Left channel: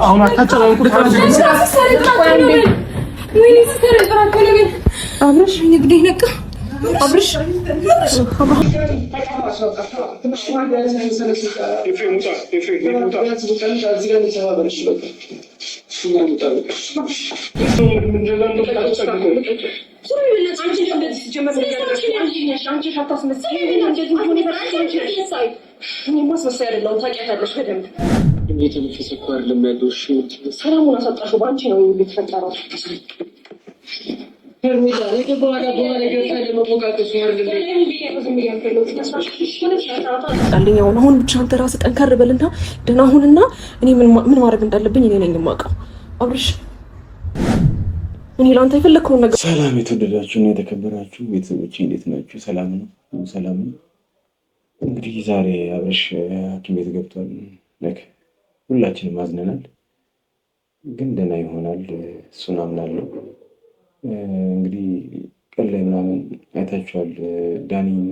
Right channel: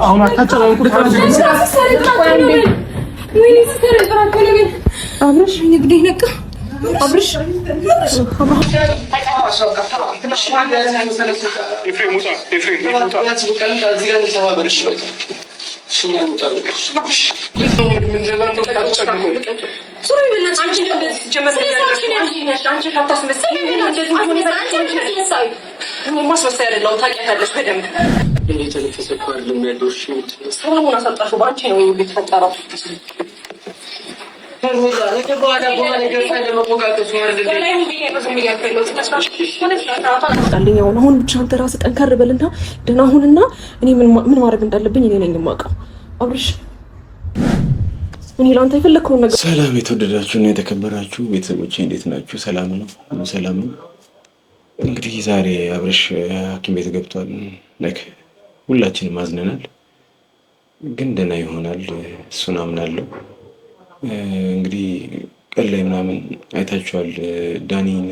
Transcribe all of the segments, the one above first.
አሁን አታጨናንቁ። አብረሽ እንግዲህ ነቃ አብረሽ አሁን ብቻ አንተ ራስህ ጠንከር በልና ደህና ሁንና እኔ ምን ማድረግ እንዳለብኝ እኔ ነኝ የማውቀው። አብርሽ እኔ ላንተ የፈለከውን ነገር። ሰላም የተወደዳችሁ እና የተከበራችሁ ቤተሰቦቼ እንዴት ናችሁ? ሰላም ነው፣ ሰላም ነው። እንግዲህ ዛሬ አብርሽ ሐኪም ቤት ገብቷል። ሁላችንም አዝነናል፣ ግን ደህና ይሆናል እሱን አምናለሁ። እንግዲህ ቀን ላይ ምናምን አይታችኋል፣ ዳኒን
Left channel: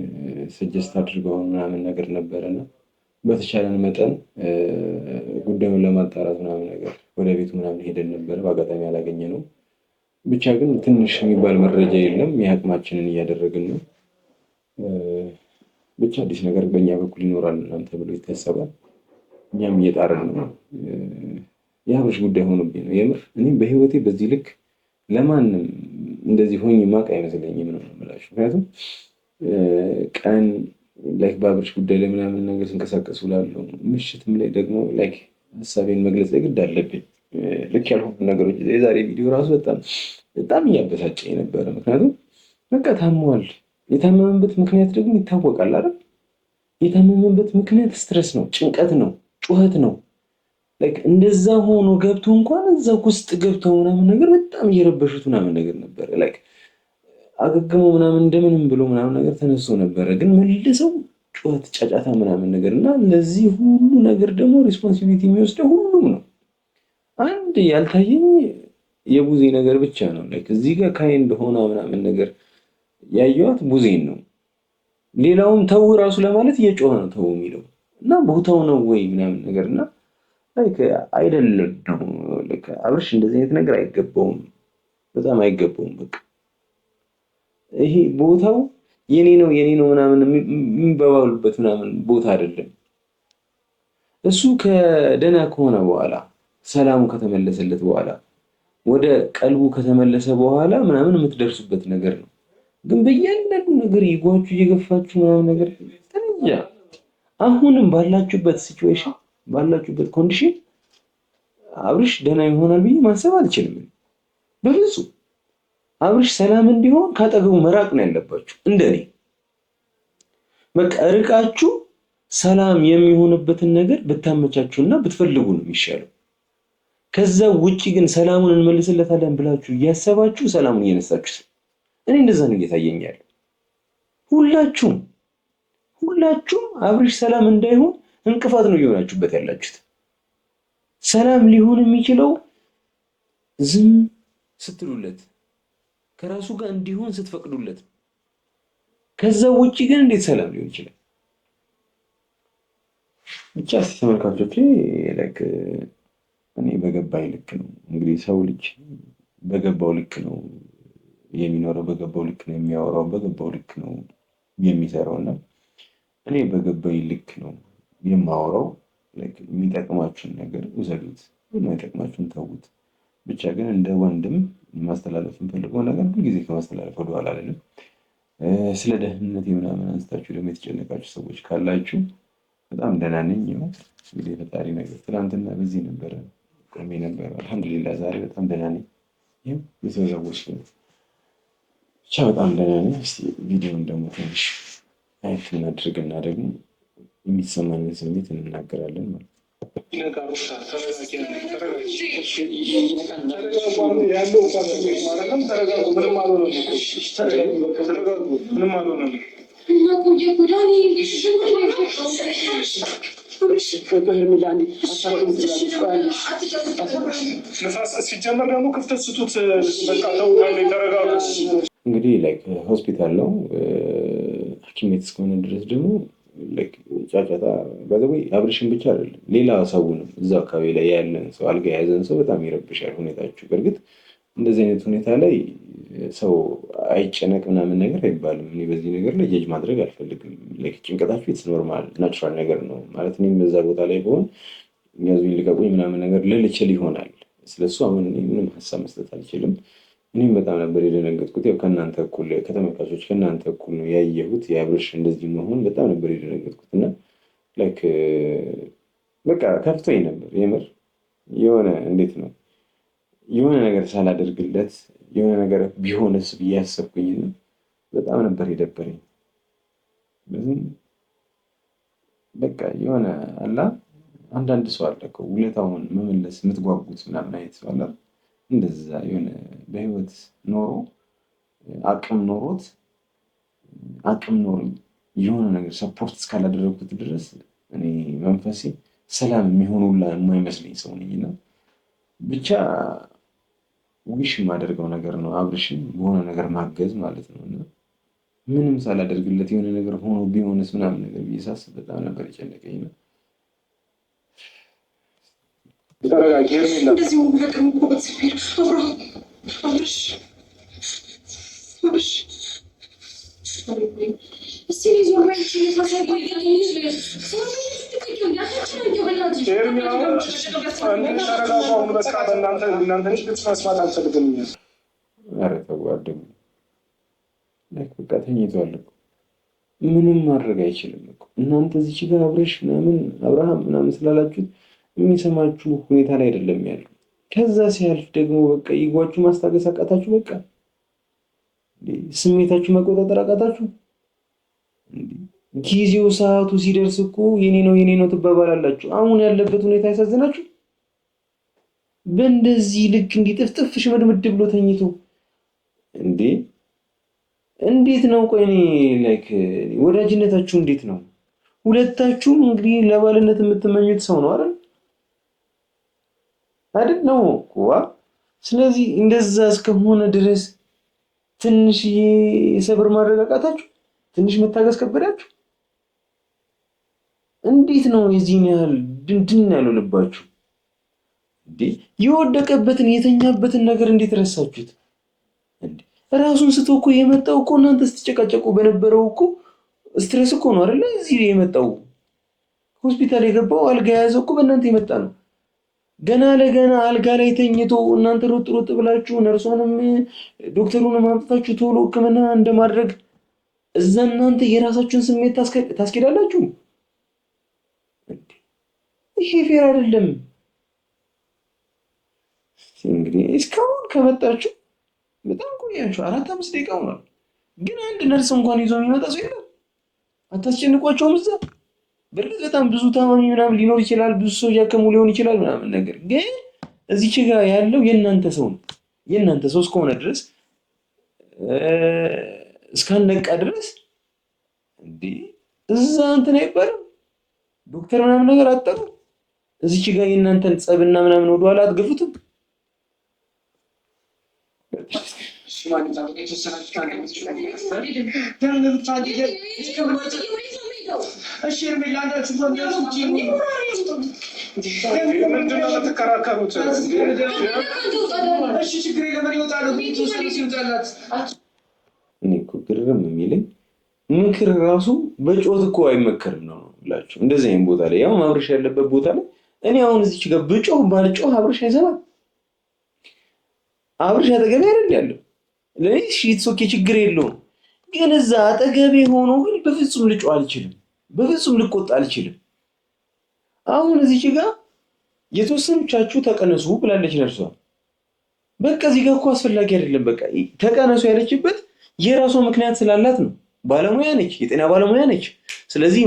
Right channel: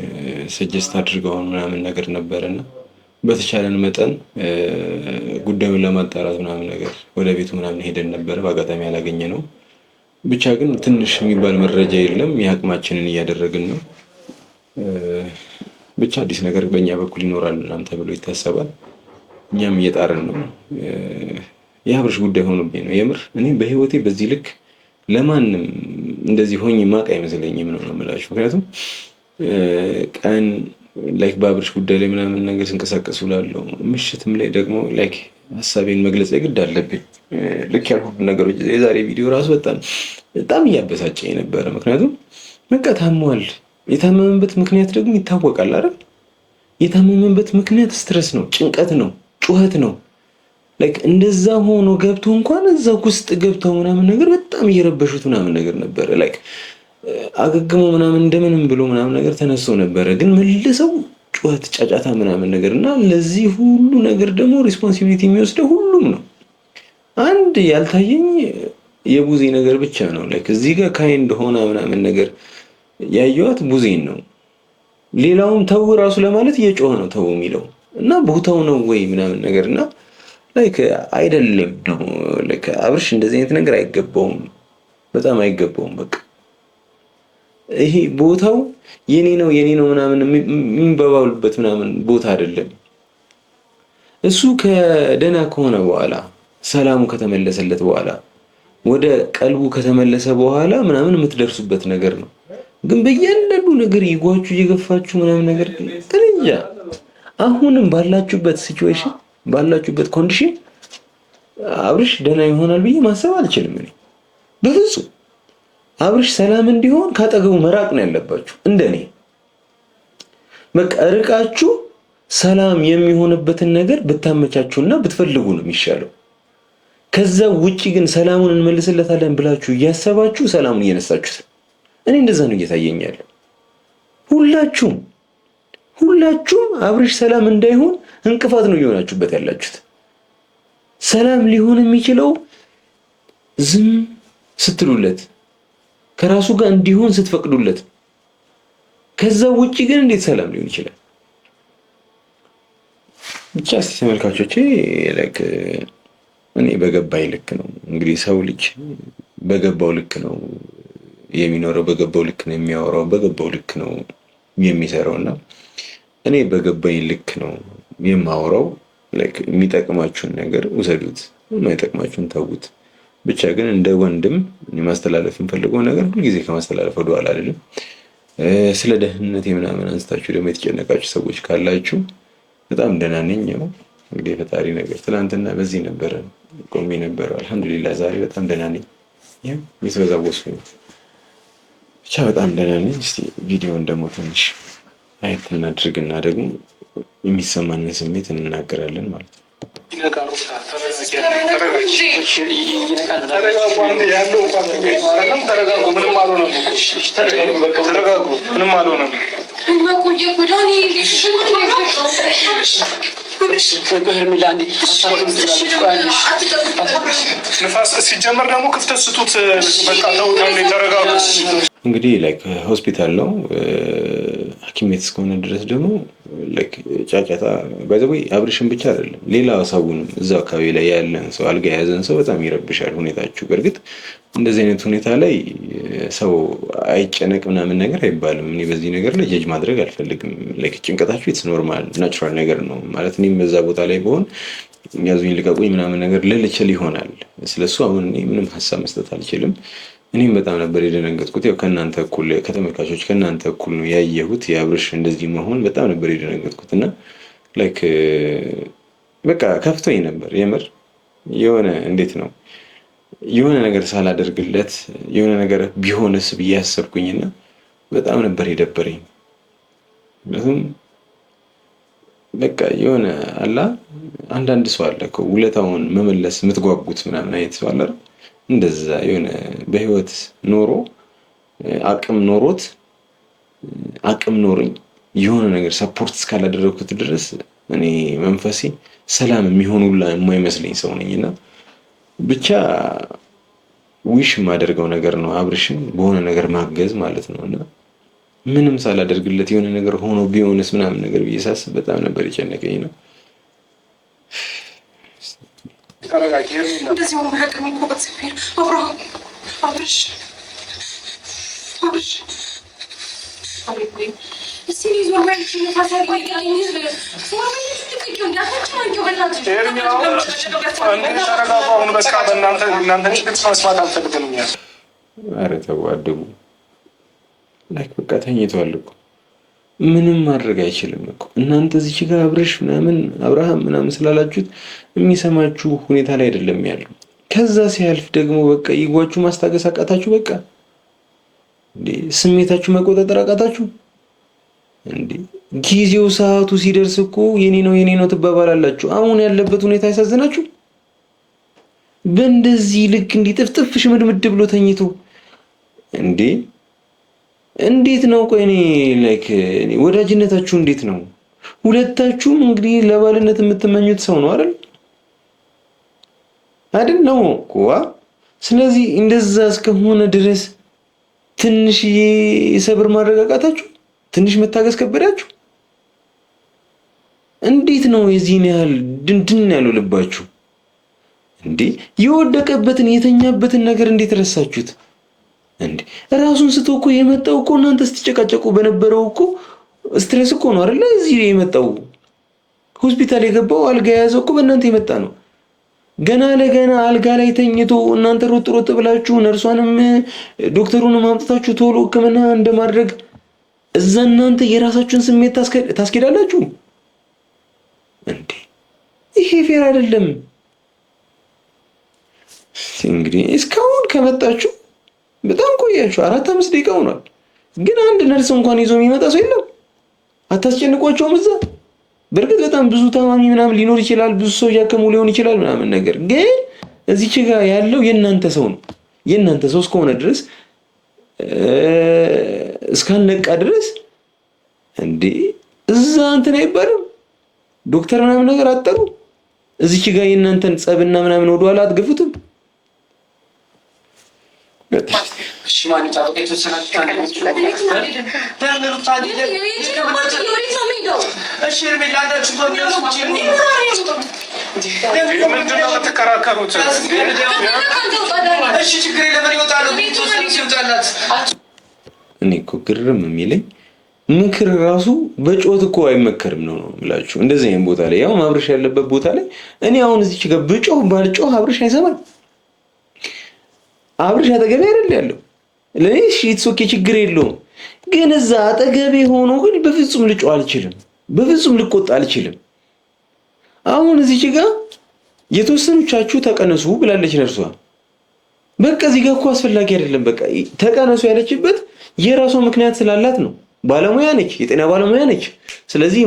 ሰጀስት አድርገውን ምናምን ነገር ነበረና በተቻለን መጠን ጉዳዩን ለማጣራት ምናምን ነገር ወደ ቤቱ ምናምን ሄደን ነበረ። በአጋጣሚ ያላገኘ ነው። ብቻ ግን ትንሽ የሚባል መረጃ የለም። የአቅማችንን እያደረግን ነው። ብቻ አዲስ ነገር በእኛ በኩል ይኖራል ምናምን ተብሎ ይታሰባል። እኛም እየጣርን ነው። የአብርሽ ጉዳይ ሆኖብኝ ነው የምር። እኔ በህይወቴ በዚህ ልክ ለማንም እንደዚህ ሆኜ ማቅ አይመስለኝም ነው የምላችሁ። ምክንያቱም ቀን ላይክ በአብርሽ ጉዳይ ላይ ምናምን ነገር ስንቀሳቀስ ውላለሁ። ምሽትም ላይ ደግሞ ላይክ ሀሳቤን መግለጽ የግድ አለብኝ። ልክ ያልሆኑ ነገሮች የዛሬ ቪዲዮ ራሱ በጣም እያበሳጨኝ ነበረ። ምክንያቱም በቃ ታሟል። የታመመበት ምክንያት ደግሞ ይታወቃል አይደል? የታመመበት ምክንያት ስትረስ ነው፣ ጭንቀት ነው፣ ጩኸት ነው። ላይክ እንደዛ ሆኖ ገብቶ እንኳን እዛ ውስጥ ገብተው ምናምን ነገር በጣም እየረበሹት ምናምን ነገር ነበረ። ላይክ አገግሞ ምናምን እንደምንም ብሎ ምናምን ነገር ተነስቶ ነበረ። ግን መልሰው ጩኸት፣ ጫጫታ ምናምን ነገር እና ለዚህ ሁሉ ነገር ደግሞ ሪስፖንሲቢሊቲ የሚወስደው ሁሉም ነው። አንድ ያልታየኝ የቡዜ ነገር ብቻ ነው። ላይክ እዚህ ጋር ካይንድ ሆና ምናምን ነገር ያየዋት ቡዜን ነው። ሌላውም ተው ራሱ ለማለት እየጮኸ ነው ተው የሚለው እና ቦታው ነው ወይ ምናምን ነገር እና ላይክ አይደለም ነው። ላይክ አብርሽ እንደዚህ አይነት ነገር አይገባውም፣ በጣም አይገባውም። በቃ ይሄ ቦታው የኔ ነው ምናምን የሚባባሉበት ምናምን ቦታ አይደለም። እሱ ከደህና ከሆነ በኋላ ሰላሙ ከተመለሰለት በኋላ ወደ ቀልቡ ከተመለሰ በኋላ ምናምን የምትደርሱበት ነገር ነው። ግን በእያንዳንዱ ነገር ይጓችሁ እየገፋችሁ ምናምን ነገር እንጃ። አሁንም ባላችሁበት ሲቹዌሽን ባላችሁበት ኮንዲሽን አብርሽ ደህና ይሆናል ብዬ ማሰብ አልችልም እኔ በፍጹም። አብርሽ ሰላም እንዲሆን ካጠገቡ መራቅ ነው ያለባችሁ። እንደኔ በቃ ርቃችሁ ሰላም የሚሆንበትን ነገር ብታመቻቹና ብትፈልጉ ነው የሚሻለው። ከዛ ውጪ ግን ሰላሙን እንመልስለታለን ብላችሁ እያሰባችሁ ሰላሙን እየነሳችሁት። እኔ እንደዛ ነው እየታየኝ ያለው። ሁላችሁም አብርሽ ሰላም እንዳይሆን እንቅፋት ነው እየሆናችሁበት ያላችሁት። ሰላም ሊሆን የሚችለው ዝም ስትሉለት፣ ከራሱ ጋር እንዲሆን ስትፈቅዱለት። ከዛ ውጪ ግን እንዴት ሰላም ሊሆን ይችላል? ብቻ እስቲ ተመልካቾቼ ላይክ እኔ በገባኝ ልክ ነው እንግዲህ ሰው ልጅ በገባው ልክ ነው የሚኖረው፣ በገባው ልክ ነው የሚያወራው፣ በገባው ልክ ነው የሚሰራውና እኔ በገባኝ ልክ ነው የማወራው። ላይክ የሚጠቅማችሁን ነገር ውሰዱት፣ የማይጠቅማችሁን ተዉት። ብቻ ግን እንደ ወንድም ማስተላለፍ የምፈልገው ነገር ሁልጊዜ ከማስተላለፍ ወደኋላ አይደለም። ስለ ደህንነት ምናምን አንስታችሁ ደግሞ የተጨነቃችሁ ሰዎች ካላችሁ በጣም ደህና ነኝ። ያው እንግዲህ የፈጣሪ ነገር ትናንትና በዚህ ነበረ ቆሜ ነበረ። አልሐምዱሊላህ ዛሬ በጣም ደህና ነኝ። ይሄ የተወዛወሱ ብቻ በጣም ደህና ነኝ። እስቲ ቪዲዮውን ደግሞ ትንሽ አይት እናድርግና ደግሞ የሚሰማንን ስሜት እንናገራለን ማለት ነው። ሲጀመር ደግሞ ክፍተት ስጡት። እንግዲህ ላይክ ሆስፒታል ነው ሐኪም ቤት እስከሆነ ድረስ ደግሞ ላይክ ጫጫታ ባይዘው አብርሽን ብቻ አይደለም ሌላ ሰውንም እዛ አካባቢ ላይ ያለን ሰው አልጋ የያዘን ሰው በጣም ይረብሻል ሁኔታችሁ። በእርግጥ እንደዚህ አይነት ሁኔታ ላይ ሰው አይጨነቅ ምናምን ነገር አይባልም። እኔ በዚህ ነገር ላይ ጀጅ ማድረግ አልፈልግም። ላይክ ጭንቀታችሁ ኢትስ ኖርማል ናቹራል ነገር ነው ማለት እኔም በዛ ቦታ ላይ በሆን ያዙኝ ልቀቁኝ ምናምን ነገር ልል እችል ይሆናል። ስለሱ አሁን እኔ ምንም ሀሳብ መስጠት አልችልም። እኔም በጣም ነበር የደነገጥኩት። ያው ከእናንተ እኩል ከተመልካቾች ከእናንተ እኩል ነው ያየሁት የአብርሽ እንደዚህ መሆን በጣም ነበር የደነገጥኩት እና ላይክ በቃ ከፍቶኝ ነበር የምር የሆነ እንዴት ነው የሆነ ነገር ሳላደርግለት የሆነ ነገር ቢሆንስ ብዬ ያሰብኩኝና በጣም ነበር የደበረኝ። ምክንያቱም በቃ የሆነ አላ አንዳንድ ሰው አለ እኮ ውለታውን መመለስ የምትጓጉት ምናምን አይነት ሰው አለ። እንደዛ የሆነ በህይወት ኖሮ አቅም ኖሮት አቅም ኖሮኝ የሆነ ነገር ሰፖርት እስካላደረግኩት ድረስ እኔ መንፈሴ ሰላም የሚሆኑላ የማይመስለኝ ሰው ነኝና ብቻ ዊሽ የማደርገው ነገር ነው አብርሽን በሆነ ነገር ማገዝ ማለት ነው። እና ምንም ሳላደርግለት የሆነ ነገር ሆኖ ቢሆንስ ምናምን ነገር ብዬ ሳስብ በጣም ነበር የጨነቀኝ ነው። እንደዚህ ሆኖ ሀቅም ይኮበት ሲል አብርሃም አብርሽ አብሬ እስቲ ዞር ወይ ታሳይ ወይ ኧረ ተው አድቡ። ላይክ በቃ ተኝተዋል እኮ ምንም ማድረግ አይችልም እኮ እናንተ እዚች ጋር አብርሽ ምናምን አብርሃም ምናምን ስላላችሁት የሚሰማችሁ ሁኔታ ላይ አይደለም ያለው። ከዛ ሲያልፍ ደግሞ በቃ ይጓችሁ ማስታገስ አቃታችሁ። በቃ እንዴ ስሜታችሁ መቆጣጠር አቃታችሁ እንዴ። ጊዜው ሰዓቱ ሲደርስ እኮ የኔ ነው ትባባላላችሁ። አሁን ያለበት ሁኔታ ያሳዝናችሁ። በእንደዚህ ልክ እንዲጥፍጥፍ ሽምድምድ ብሎ ተኝቶ እንዴ እንዴት ነው? ቆይ እኔ ላይክ ወዳጅነታችሁ እንዴት ነው? ሁለታችሁም እንግዲህ ለባልነት የምትመኙት ሰው ነው አይደል ነው እኮ። ስለዚህ እንደዛ እስከሆነ ድረስ ትንሽዬ ሰብር ማረጋጋታችሁ፣ ትንሽ መታገስ ከበዳችሁ። እንዴት ነው የዚህን ያህል ድንድን ያለው ልባችሁ? እንዴ የወደቀበትን የተኛበትን ነገር እንዴት ረሳችሁት? እንዴ ራሱን ስቶ እኮ የመጣው እኮ እናንተ ስትጨቃጨቁ በነበረው እኮ ስትሬስ እኮ ነው አይደል? እዚህ የመጣው ሆስፒታል የገባው አልጋ የያዘው እኮ በእናንተ የመጣ ነው። ገና ለገና አልጋ ላይ ተኝቶ እናንተ ሮጥ ብላችሁ ነርሷንም ዶክተሩንም አምጥታችሁ ቶሎ ሕክምና እንደማድረግ እዛ እናንተ የራሳችሁን ስሜት ታስኬዳላችሁ እንዴ? ይሄ ፌር አይደለም። እንግዲህ እስካሁን ከመጣችሁ በጣም ቆያችሁ፣ 4-5 ደቂቃ ሆኗል። ግን አንድ ነርስ እንኳን ይዞ የሚመጣ ሰው የለም። አታስጨንቋቸውም እዛ? በእርግጥ በጣም ብዙ ታማሚ ምናምን ሊኖር ይችላል፣ ብዙ ሰው እያከሙ ሊሆን ይችላል ምናምን ነገር፣ ግን እዚች ጋር ያለው የእናንተ ሰው ነው። የእናንተ ሰው እስከሆነ ድረስ እስካልነቃ ድረስ እንዴ እዛ እንትን አይባልም። ዶክተር ምናምን ነገር አጠሩ። እዚች ጋር የእናንተን ጸብና ምናምን ወደኋላ አትገፉትም። እኔ እኮ ግርም የሚለኝ ምክር ራሱ በጮት እኮ አይመከርም ነው የምላችሁ። እንደዚህ አይነት ቦታ ላይ ያው አብርሽ ያለበት ቦታ ላይ እኔ አሁን እዚች ጋር ብጮህ ባልጮህ አብርሽ አይሰማም። አብርሽ አጠገቤ አይደል ያለው ለኔ እሺ ኦኬ ችግር የለውም። ግን እዛ አጠገቤ ሆኖ ግን በፍጹም ልጮህ አልችልም፣ በፍጹም ልቆጣ አልችልም። አሁን እዚች ጋር የተወሰኑቻችሁ ተቀነሱ ብላለች ነርሷ። በቃ እዚህ ጋር እኮ አስፈላጊ አይደለም። በቃ ተቀነሱ ያለችበት የራሷ ምክንያት ስላላት ነው። ባለሙያ ነች፣ የጤና ባለሙያ ነች። ስለዚህ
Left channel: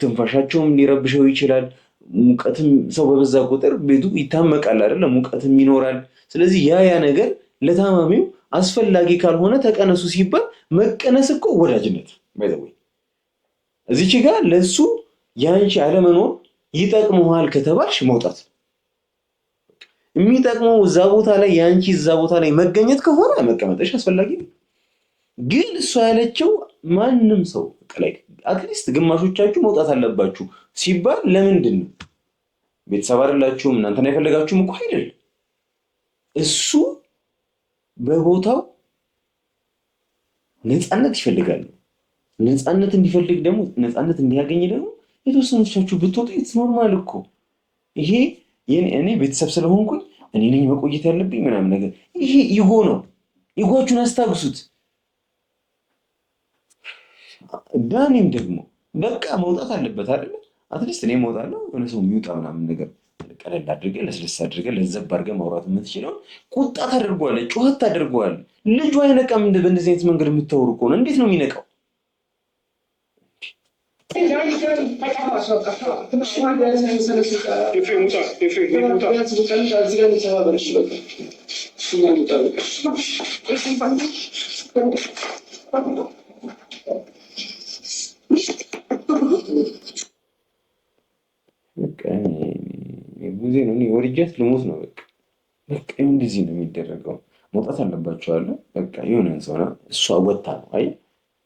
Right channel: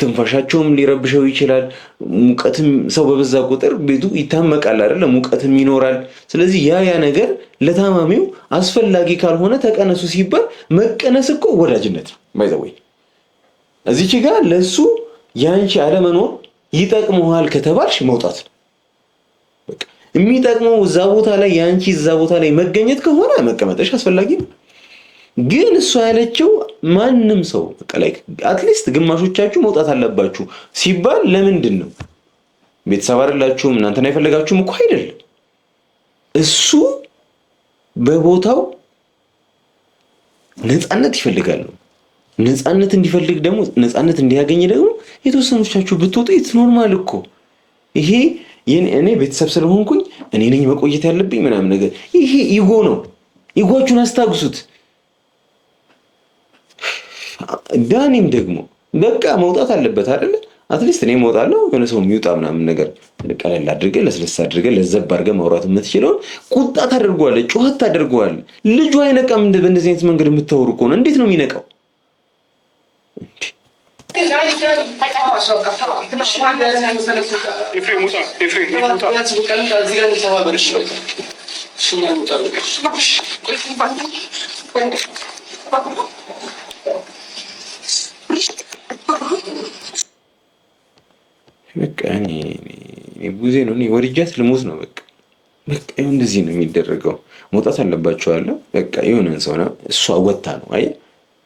ትንፋሻቸውም ሊረብሸው ይችላል። ሙቀትም ሰው በበዛ ቁጥር ቤቱ ይታመቃል አይደለ? ሙቀትም ይኖራል። ስለዚህ ያ ነገር ለታማሚው አስፈላጊ ካልሆነ ተቀነሱ ሲባል መቀነስ እኮ ወዳጅነት ነው። ባይዘወይ እዚች ጋር ለሱ ያንቺ አለመኖር ይጠቅመዋል ከተባልሽ መውጣት ነው። በቃ የሚጠቅመው እዛ ቦታ ላይ ያንቺ እዛ ቦታ ላይ መገኘት ከሆነ መቀመጥሽ አስፈላጊ ነው። ግን እሷ ያለችው ማንም ሰው በቃ ላይክ አትሊስት ግማሾቻችሁ መውጣት አለባችሁ ሲባል ለምንድን ነው? ቤተሰብ አይደላችሁም እናንተን አይፈልጋችሁም እኮ አይደለም። እሱ በቦታው ነፃነት ይፈልጋል ነው። ነፃነት እንዲፈልግ ደግሞ ነፃነት እንዲያገኝ ደግሞ የተወሰኖቻችሁ ብትወጡ ኢትስ ኖርማል እኮ። ይሄ እኔ ቤተሰብ ስለሆንኩኝ እኔ ነኝ መቆየት ያለብኝ ምናምን ነገር ይሄ ኢጎ ነው። ኢጎቹን አስታግሱት። ዳኒም ደግሞ በቃ መውጣት አለበት አይደለ? አትሊስት እኔ እወጣለሁ የሆነ ሰው የሚውጣ ምናምን ነገር ቀለል አድርገህ ለስለስ አድርገህ ለዘብ አድርገህ ማውራት የምትችለውን ቁጣ ታደርገዋለህ፣ ጩኸት ታደርገዋለህ። ልጁ አይነቃም። በእንደዚህ አይነት መንገድ የምታወሩ ከሆነ እንዴት ነው የሚነቃው? በቃ እኔ ቡዜ ነው ወርጃት ልሞት ነው። በቃ እንደዚህ ነው የሚደረገው። መውጣት አለባቸው አለ። በቃ የሆነን ሰው ነው እሷ ወታ ነው። አይ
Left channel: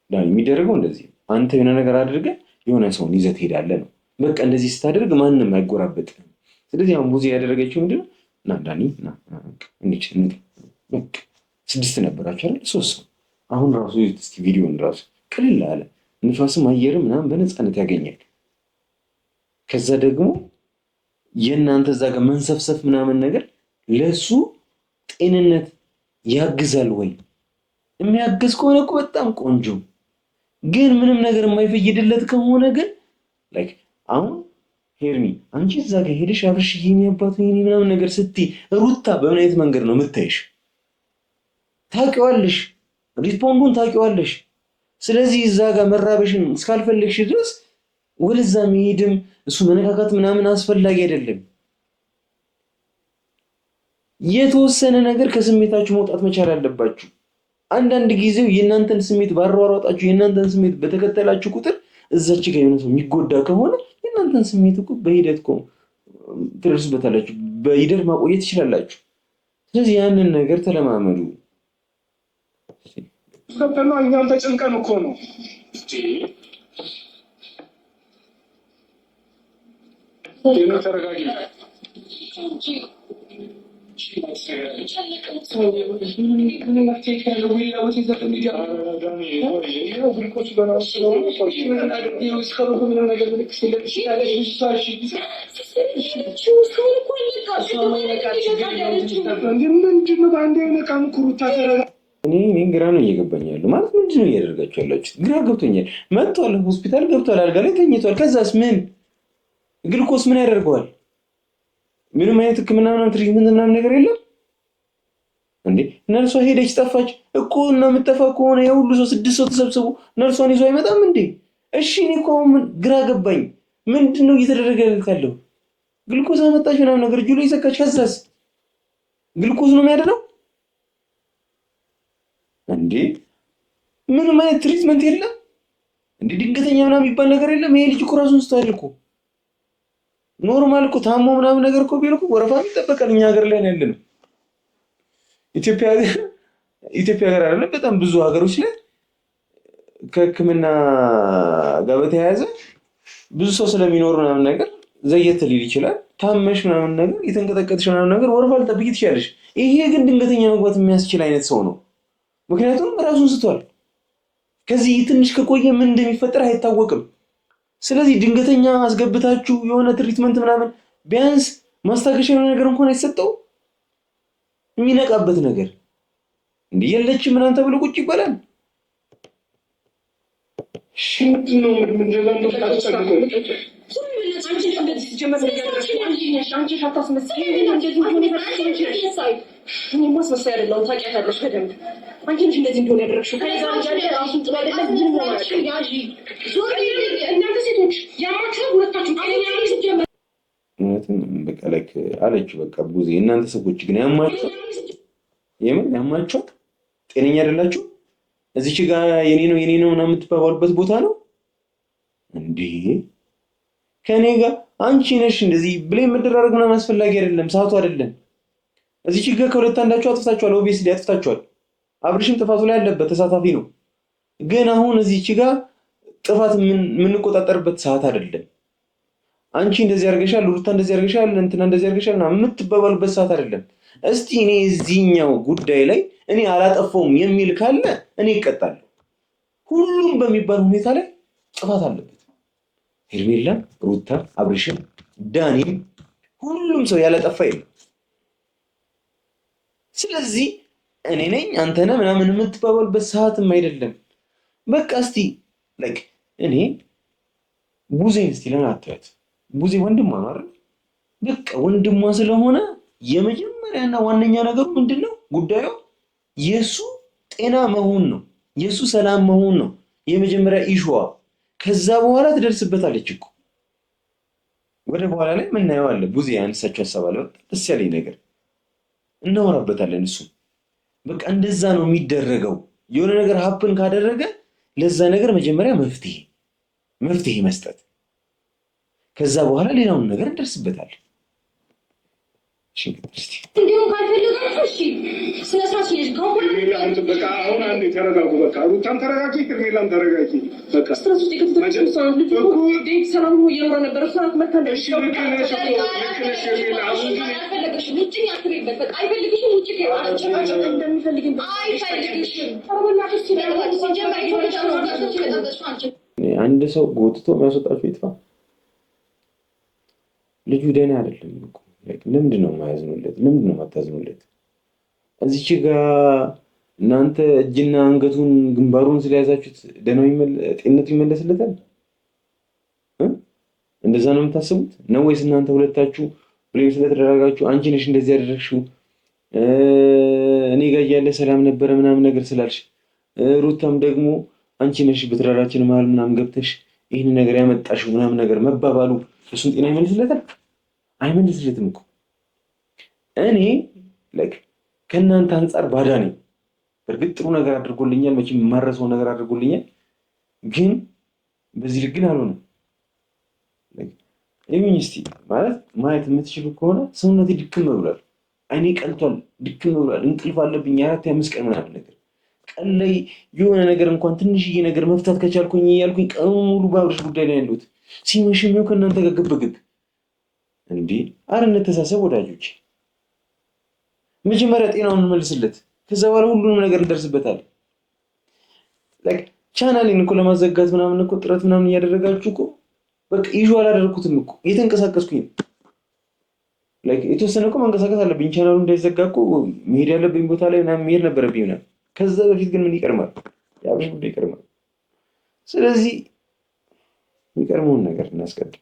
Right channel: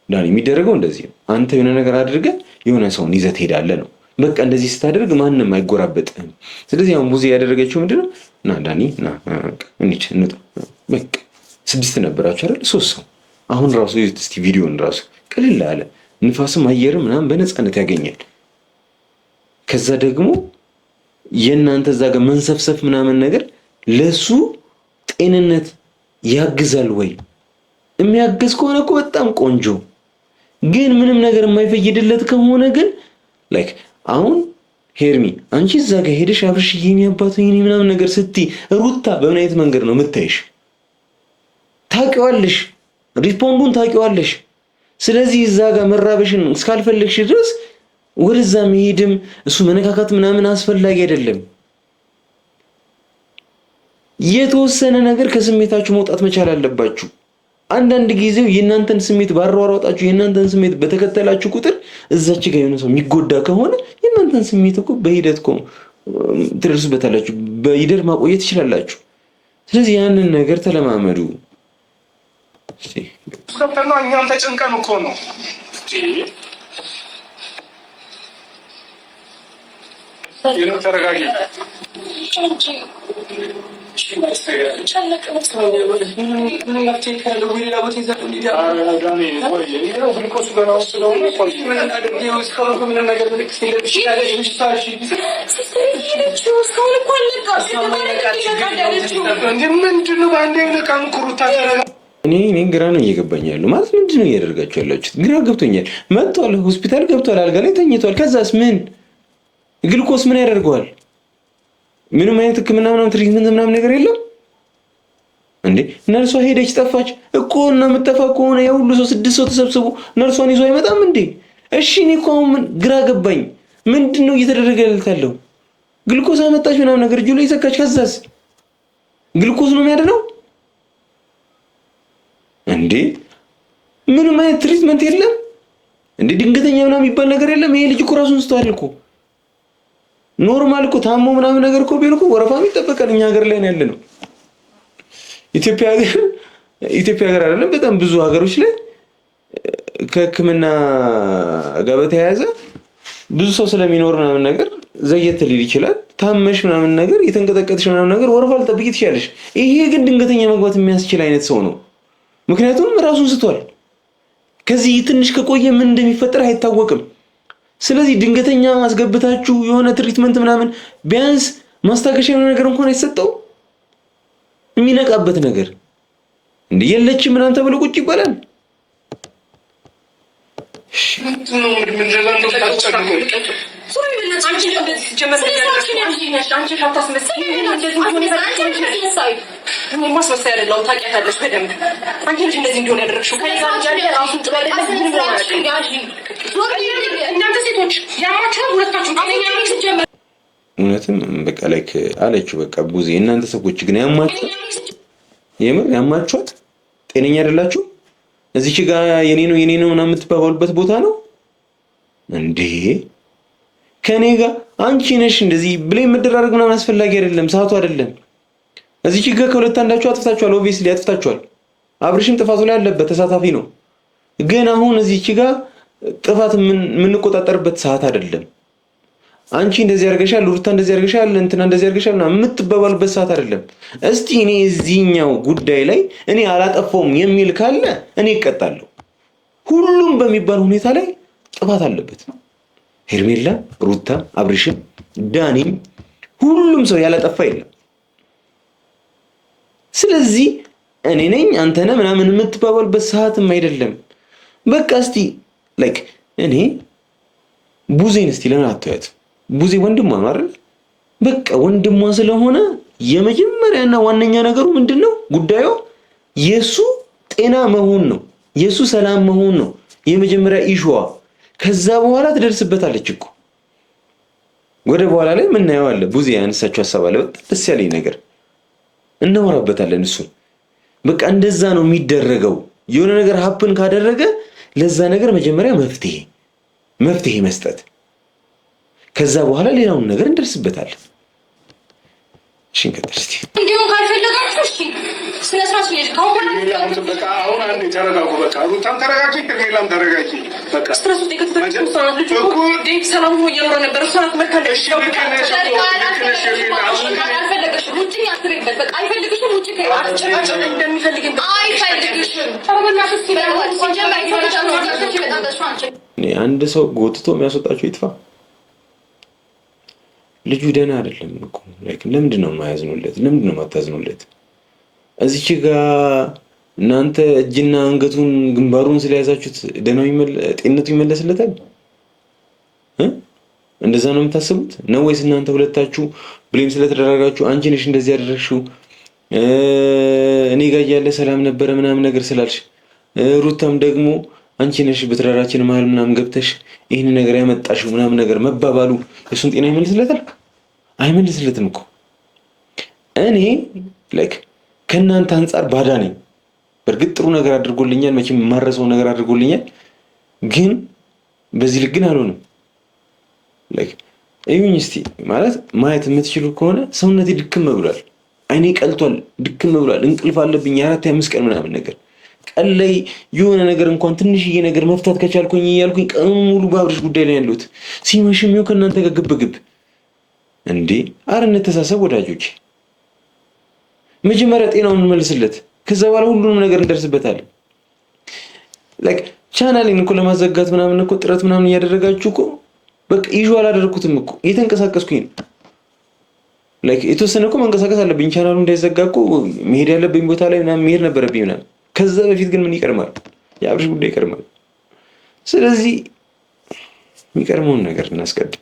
ዳኒ የሚደረገው እንደዚህ ነው። አንተ የሆነ ነገር አድርገህ የሆነ ሰውን ይዘህ ትሄዳለህ ነው። በቃ እንደዚህ ስታደርግ ማንም አይጎራበጥህም። ስለዚህ አሁን ቡዜ ያደረገችው ምንድነው? ና ዳኒ ና እንሂድ እንውጣ። በቃ 6 ነበራችሁ አይደል? 3 ሰው አሁን ራሱ እስቲ ቪዲዮን ራሱ ቅልል አለ። ንፋስም አየርም ምናምን በነፃነት ያገኛል። ከዛ ደግሞ የእናንተ እዛ ጋር መንሰፍሰፍ ምናምን ነገር ለሱ ጤንነት ያግዛል ወይ? የሚያግዝ ከሆነ እኮ በጣም ቆንጆ። ግን ምንም ነገር የማይፈይድለት ከሆነ ግን ላይክ አሁን ሄርሚ አንቺ እዛ ጋር ሄደሽ አብርሽ ይሄን ያባቱ ይሄን ምናምን ነገር ስትይ ሩታ በምን አይነት መንገድ ነው የምታይሽ? ታውቂዋለሽ፣ ሪስፖንዱን ታውቂዋለሽ። ስለዚህ እዛ ጋር መራበሽን እስካልፈለግሽ ድረስ ወደዛ መሄድም እሱ መነካካት ምናምን አስፈላጊ አይደለም። የተወሰነ ነገር ከስሜታችሁ መውጣት መቻል አለባችሁ። አንዳንድ ጊዜው የእናንተን ስሜት ባሯሯጣችሁ የእናንተን ስሜት በተከተላችሁ ቁጥር እዛች ጋር የሆነ ሰው የሚጎዳ ከሆነ የእናንተን ስሜት እኮ በሂደት እኮ ትደርሱበታላችሁ፣ በሂደት ማቆየት ትችላላችሁ። ስለዚህ ያንን ነገር ተለማመዱ። እኛም ተጨንቀን እኮ ነው። ተረጋጊ። ምንድነው በአንድ አይነቃም? ኩሩታ ተረጋ። እኔ ግራ ነው እየገባኝ ያለው። ማለት ምንድነው እያደረጋችሁ ያላችሁት? ግራ ገብቶኛል። መጥቷል፣ ሆስፒታል ገብቷል፣ አልጋ ላይ ተኝቷል። ከዛስ ምን ግልኮስ ምን ያደርገዋል? ምንም አይነት ሕክምና ምናምን ትሪትመንት ምናምን ነገር የለም እንዴ? ነርሷ ሄደች ጠፋች እኮ እና የምትጠፋ ከሆነ የሁሉ ሰው 6 ሰው ተሰብስቦ ነርሷን ይዞ አይመጣም እንዴ? እሺ እኔ እኮ አሁን ግራ ገባኝ። ምንድን ነው እየተደረገ ያለው? ግልኮስ አመጣች ምናምን ነገር እጁ ላይ ሰካች። ከዛስ ግልኮስ ነው የሚያድነው እንዴ? ምንም አይነት ትሪትመንት የለም እንዴ? ድንገተኛ ምናምን የሚባል ነገር የለም። ይሄ ልጅ እኮ ራሱን ስቷል እኮ። ኖርማል እኮ ታሞ ምናምን ነገር እኮ ቢሆን እኮ ወረፋም ይጠበቃል። እኛ ሀገር ላይ ነው ያለ ነው። ኢትዮጵያ ሀገር አይደለም፣ በጣም ብዙ ሀገሮች ላይ ከሕክምና ጋር በተያያዘ ብዙ ሰው ስለሚኖር ምናምን ነገር ዘየት ሊል ይችላል። ታመሽ ምናምን ነገር የተንቀጠቀጥሽ ምናምን ነገር ወረፋ ልጠብቂ ትችላለሽ። ይሄ ግን ድንገተኛ መግባት የሚያስችል አይነት ሰው ነው። ምክንያቱም ራሱን ስቷል። ከዚህ ትንሽ ከቆየ ምን እንደሚፈጠር አይታወቅም። ስለዚህ ድንገተኛ አስገብታችሁ የሆነ ትሪትመንት ምናምን ቢያንስ ማስታገሻ የሆነ ነገር እንኳን አይሰጠው የሚነቃበት ነገር እንደ የለችም ምናምን ተብሎ ቁጭ ይባላል። ማስመሰያ አይደለሁም። ታውቂያታለሽ በደንብ። አንቺ ነሽ እንደዚህ እንዲሆን ያደረግሽው። ራሱን ጥሩ አይደለም። እናንተ ሴቶች ያማችኋል ሁለታችሁ። እውነትም በቃ ላይክ አለችው። በቃ ቡዜ እናንተ ሰዎች ግን ያማችኋል፣ የምር ያማችኋል። ጤነኛ አይደላችሁ። እዚች ጋር የኔ ነው ምናምን የምትባባሉበት ቦታ ነው እንዴ? ከኔ ጋር አንቺ ነሽ እንደዚህ ብሌም መደራረግ ምናምን አስፈላጊ አይደለም። ሰዓቱ አይደለም። እዚች ጋር ከሁለት አንዳችሁ አጥፍታችኋል። ኦብቪየስሊ አጥፍታችኋል። አብርሽም ጥፋቱ ላይ ያለበት ተሳታፊ ነው። ግን አሁን እዚች ጋር ጥፋት የምንቆጣጠርበት ሰዓት አይደለም። አንቺ እንደዚህ አድርገሻል፣ ሩታ እንደዚህ አድርገሻል፣ እንትና እንደዚህ አድርገሻል እና የምትባባሉበት ሰዓት አይደለም። እስቲ እኔ እዚህኛው ጉዳይ ላይ እኔ አላጠፋውም የሚል ካለ እኔ እቀጣለሁ። ሁሉም በሚባል ሁኔታ ላይ ጥፋት አለበት። ሄርሜላ፣ ሩታ፣ አብርሽም፣ ዳኒም ሁሉም ሰው ያላጠፋ የለም። ስለዚህ እኔ ነኝ አንተ ነህ ምናምን የምትባባሉበት ሰዓትም አይደለም። በቃ እስቲ ላይክ እኔ ቡዜን እስቲ ለምን አትያት? ቡዜ ወንድሟ ነው አይደል? በቃ ወንድሟ ስለሆነ የመጀመሪያና ዋነኛ ነገሩ ምንድነው? ጉዳዩ የሱ ጤና መሆን ነው፣ የሱ ሰላም መሆን ነው የመጀመሪያ ኢሹዋ። ከዛ በኋላ ትደርስበታለች እኮ ወደ በኋላ ላይ ምናየው አለ። ቡዜ ያነሳችው ሀሳብ አለ፣ በጣም ደስ ያለኝ ነገር እናወራበታለን። እሱ በቃ እንደዛ ነው የሚደረገው። የሆነ ነገር ሀፕን ካደረገ ለዛ ነገር መጀመሪያ መፍትሄ መስጠት፣ ከዛ በኋላ ሌላውን ነገር እንደርስበታለን። እሺ እንቀጥል እስቲ። እንዲሁም ካልፈለጋችሁ እሺ ስነ ስርዓት ነው ካሁን በቃ አሁን አንዴ ተረጋጉ። በቃ ሩታም ተረጋጊ፣ ሌላም ተረጋጊ። በቃ ስትረሱ ተከተተችሁ ሰዓት ልጅ እኮ ዴት ሰላም ሆኖ እየኖረ ነበር። ሰዓት መካለሽ እሺ አንድ ሰው ጎትቶ የሚያስወጣቸው ይጥፋ። ልጁ ደህና አይደለም እኮ ለምንድን ነው የማያዝኑለት? ለምንድን ነው የማታዝኑለት? እዚች ጋር እናንተ እጅና አንገቱን ግንባሩን ስለያዛችሁት ደህናው ጤንነቱ ይመለስለታል? እንደዛ ነው የምታስቡት ነው ወይስ እናንተ ሁለታችሁ ብሌም ስለተደረጋችሁ አንቺ ነሽ እንደዚህ ያደረግሽው እኔ ጋር ያለ ሰላም ነበረ ምናምን ነገር ስላልሽ ሩታም ደግሞ አንቺ ነሽ በትዳራችን መሀል ምናምን ገብተሽ ይህን ነገር ያመጣሽው ምናምን ነገር መባባሉ የሱን ጤና ይመልስለታል? አይመልስለትም እኮ። እኔ ላይክ ከእናንተ አንጻር ባዳ ነኝ። በእርግጥ ጥሩ ነገር አድርጎልኛል፣ መቼም የማረሰው ነገር አድርጎልኛል። ግን በዚህ ልክ ግን አልሆንም። ላይክ እዩኝ እስቲ ማለት ማየት የምትችሉ ከሆነ ሰውነቴ ድክም ብሏል፣ አይኔ ቀልቷል፣ ድክም ብሏል፣ እንቅልፍ አለብኝ 4-5 ቀን ምናምን ነገር ቀን ላይ የሆነ ነገር እንኳን ትንሽዬ ነገር መፍታት ከቻልኩኝ እያልኩኝ ቀኑን ሙሉ በአብርሽ ጉዳይ ላይ ያለሁት ሲመሽም ይኸው ከእናንተ ጋር ግብግብ እንዴ! ኧረ እንተሳሰብ ወዳጆች። መጀመሪያ ጤናውን እንመልስለት፣ ከዛ በኋላ ሁሉንም ነገር እንደርስበታለን። ላይክ ቻናሌን እኮ ለማዘጋት ምናምን እኮ ጥረት ምናምን እያደረጋችሁ እኮ በቃ ኢሹ አላደረኩትም እኮ እየተንቀሳቀስኩኝ ነው። ላይክ የተወሰነ እኮ መንቀሳቀስ አለብኝ። ቻናሉ እንዳይዘጋ እኮ መሄድ ያለብኝ ቦታ ላይ ምናምን መሄድ ነበረብኝ ምናምን። ከዛ በፊት ግን ምን ይቀርማል? የአብርሽ ጉዳይ ይቀርማል። ስለዚህ የሚቀርመውን ነገር እናስቀድም።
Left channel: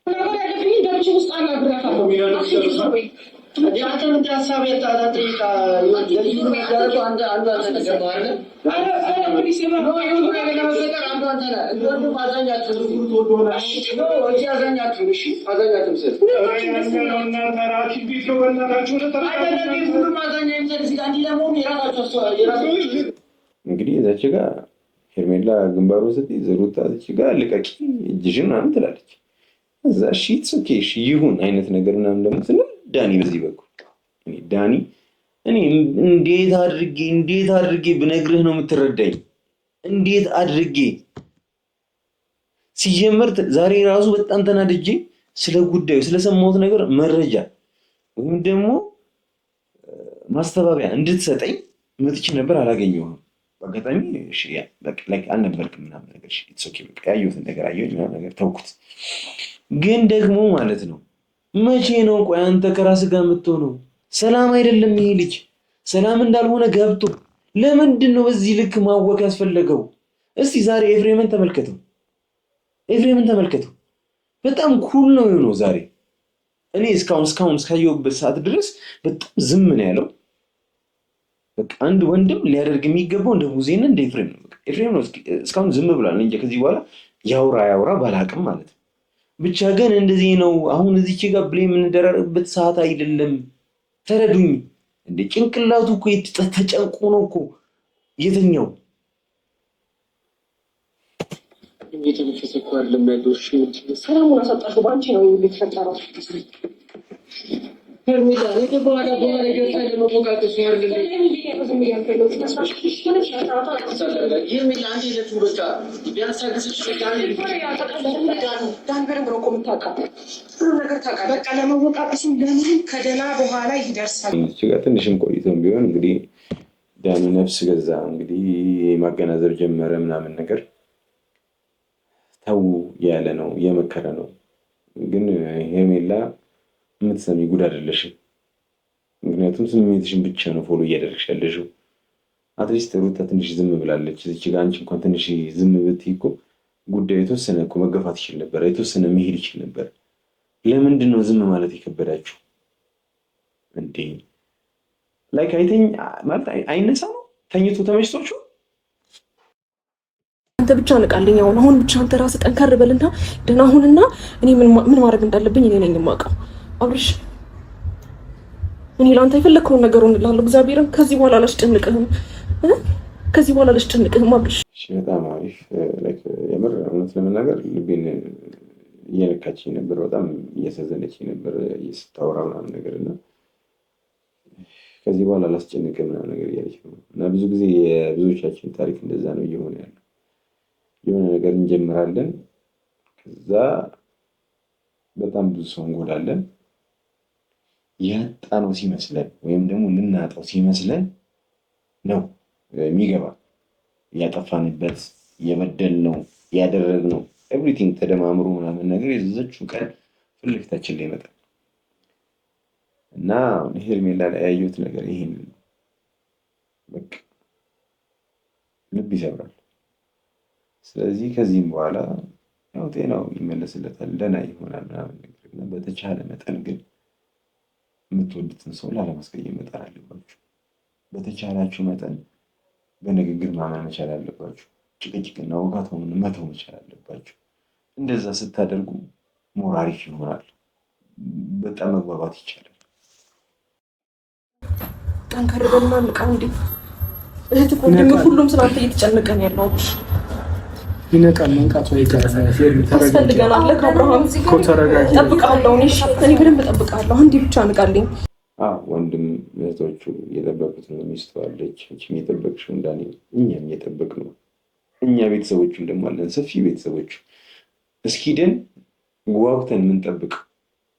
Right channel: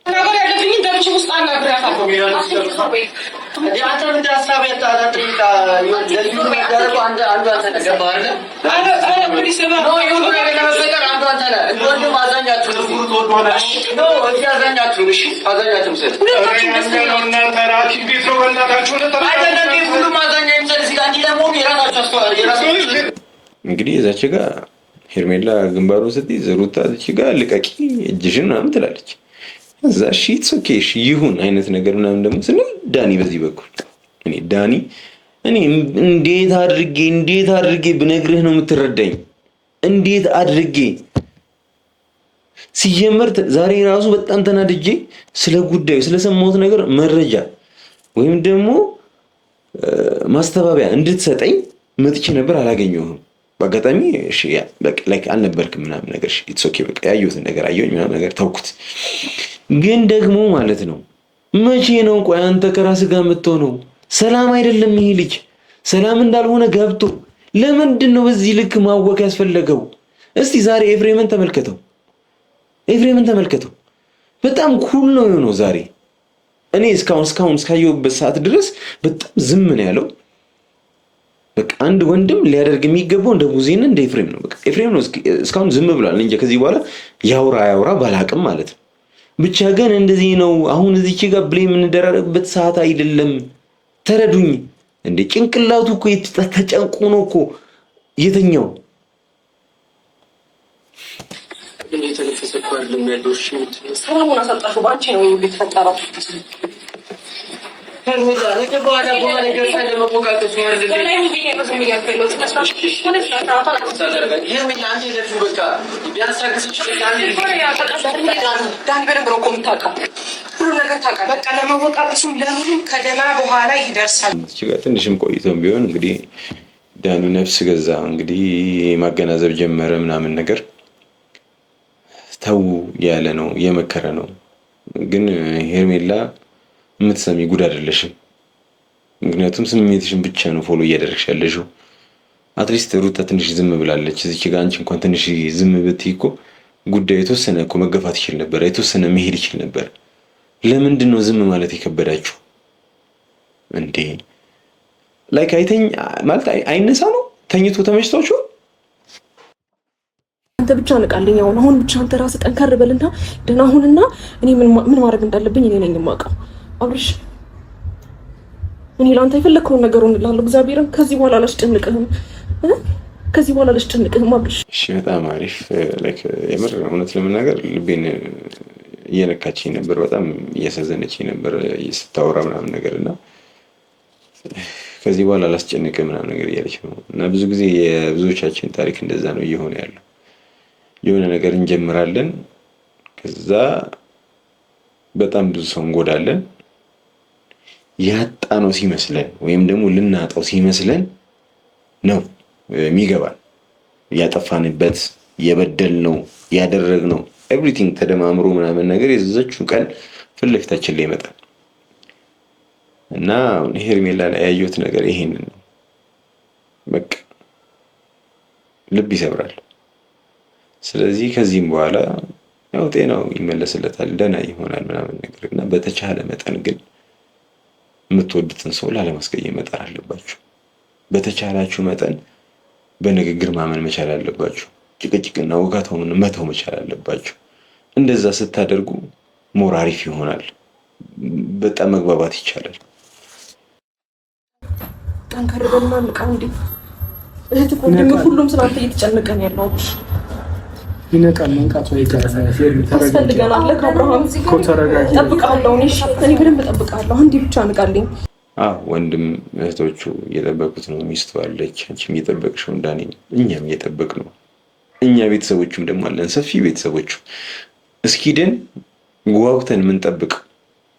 እንግዲህ እዛች ጋር ሄርሜላ ግንባሩን ስትይዝ ሩታ እዚች ጋር ልቀቂ እጅሽን ምናምን ትላለች። እዛ እሺ ኦኬ እሺ ይሁን አይነት ነገር ምናምን ደግሞ ስንል ዳኒ በዚህ በኩል ዳኒ እኔ እንዴት አድርጌ ብነግርህ ነው የምትረዳኝ? እንዴት አድርጌ ሲጀመር ዛሬ ራሱ በጣም ተናድጄ ስለ ጉዳዩ ስለሰማሁት ነገር መረጃ ወይም ደግሞ ማስተባበያ እንድትሰጠኝ መጥቼ ነበር፣ አላገኘሁም። በአጋጣሚ እሺ በቃ ላይክ አልነበርክም ምናምን ነገር እሺ ኢትስ ኦኬ በቃ ያየሁትን ነገር አየሁኝ ምናምን ነገር ተውኩት። ግን ደግሞ ማለት ነው መቼ ነው ቆይ አንተ ከራስህ ጋር የምትሆነው? ሰላም አይደለም ይሄ ልጅ ሰላም እንዳልሆነ ገብቶ ለምንድን ነው በዚህ ልክ ማወቅ ያስፈለገው? እስቲ ዛሬ ኤፍሬምን ተመልከተው። በጣም ኩል ነው የሆነው ዛሬ። እኔ እስካሁን እስካየሁበት ሰዓት ድረስ በጣም ዝም ነው ያለው። በቃ አንድ ወንድም ሊያደርግ የሚገባው እንደ ቡዜና እንደ ኤፍሬም ነው። በቃ ኤፍሬም ነው እስካሁን ዝም ብሏል እንጂ ከዚህ በኋላ ያውራ ባላቅም ማለት ነው። ብቻ ግን እንደዚህ ነው። አሁን እዚች ጋር ብሌም የምንደራረግበት ሰዓት አይደለም። ተረዱኝ እንደ ጭንቅላቱ እኮ ተጨንቆ ነው እኮ የተኛው። ሰላሙን አሳጣሹ በአንቺ ነው የተፈጠረው። ትንሽም ቆይቶም ቢሆን እንግዲህ ዳኒ ነፍስ ገዛ እንግዲህ ማገናዘብ ጀመረ ምናምን ነገር ተው ያለ ነው የመከረ ነው። ግን ሄርሜላ የምትሰሚ ጉድ አይደለሽም። ምክንያቱም ስሜትሽን ብቻ ነው ፎሎ እያደረግሽ ያለሽው። አትሊስት ሩታ ትንሽ ዝም ብላለች እዚች ጋር። አንቺ እንኳን ትንሽ ዝም ብትይ እኮ ጉዳዩ የተወሰነ እኮ መገፋት ይችል ነበር፣ የተወሰነ መሄድ ይችል ነበር። ለምንድን ነው ዝም ማለት የከበዳችሁ እንዴ? ላይክ አይተኝ ማለት አይነሳ ነው ተኝቶ ተመችቷችሁ። አንተ ብቻ ንቃልኝ። አሁን ብቻ አንተ ራስህ ጠንከር በልና ደህና ሁንና እኔ ምን ማድረግ እንዳለብኝ እኔ ነኝ የማውቀው። አብርሽ እኔ ለአንተ የፈለግከውን ነገር እሆንልሃለሁ። እግዚአብሔርን ከዚህ በኋላ አላስጨንቅህም፣ ከዚህ በኋላ አላስጨንቅህም አብርሽ። እሺ በጣም አሪፍ። ላይክ የምር እውነት ለመናገር ልቤን እየነካችኝ ነበር፣ በጣም እያሳዘነችኝ ነበር ስታወራ ምናምን ነገር እና ከዚህ በኋላ አላስጨንቅህ ምናምን ነገር እያለች ነው። እና ብዙ ጊዜ የብዙዎቻችን ታሪክ እንደዛ ነው እየሆነ ያለው። የሆነ ነገር እንጀምራለን፣ ከዛ በጣም ብዙ ሰው እንጎዳለን። ያጣ ነው ሲመስለን ወይም ደግሞ ልናጣው ሲመስለን ነው የሚገባል። ያጠፋንበት የበደልነው ያደረግነው ኤቭሪቲንግ ተደማምሮ ምናምን ነገር የዘዘችው ቀን ፊት ለፊታችን ላይ ይመጣል እና ሄርሜላ ላይ ያየሁት ነገር ይሄንን ነው። በቃ ልብ ይሰብራል። ስለዚህ ከዚህም በኋላ ያው ጤናው ይመለስለታል፣ ደህና ይሆናል ምናምን ነገር እና በተቻለ መጠን ግን የምትወዱትን ሰው ላለማስቀየም መጣር አለባችሁ። በተቻላችሁ መጠን በንግግር ማመን መቻል አለባችሁ። ጭቅጭቅና ውጋታውን መተው መቻል አለባችሁ። እንደዛ ስታደርጉ ሞር አሪፍ ይሆናል። በጣም መግባባት ይቻላል። ጠንከር በልና ንቃ። እንዴ እህት እኮ ሁሉም ስላንተ እየተጨነቀ ነው ያለው። ይነቃል። መንቃቱ አይቀርም። ታስፈልገናል። ከአብርሃም እጠብቅሃለሁ። እኔ በደንብ እጠብቅሃለሁ። አንዴ ብቻ ንቃልኝ። ወንድም እህቶቹ እየጠበቁት ነው። ሚስቱ አለች፣ አንቺም እየጠበቅሽው እንዳኔ፣ እኛም እየጠበቅ ነው። እኛ ቤተሰቦቹም ደግሞ አለን፣ ሰፊ ቤተሰቦቹ እስኪድን ጓጉተን የምንጠብቅ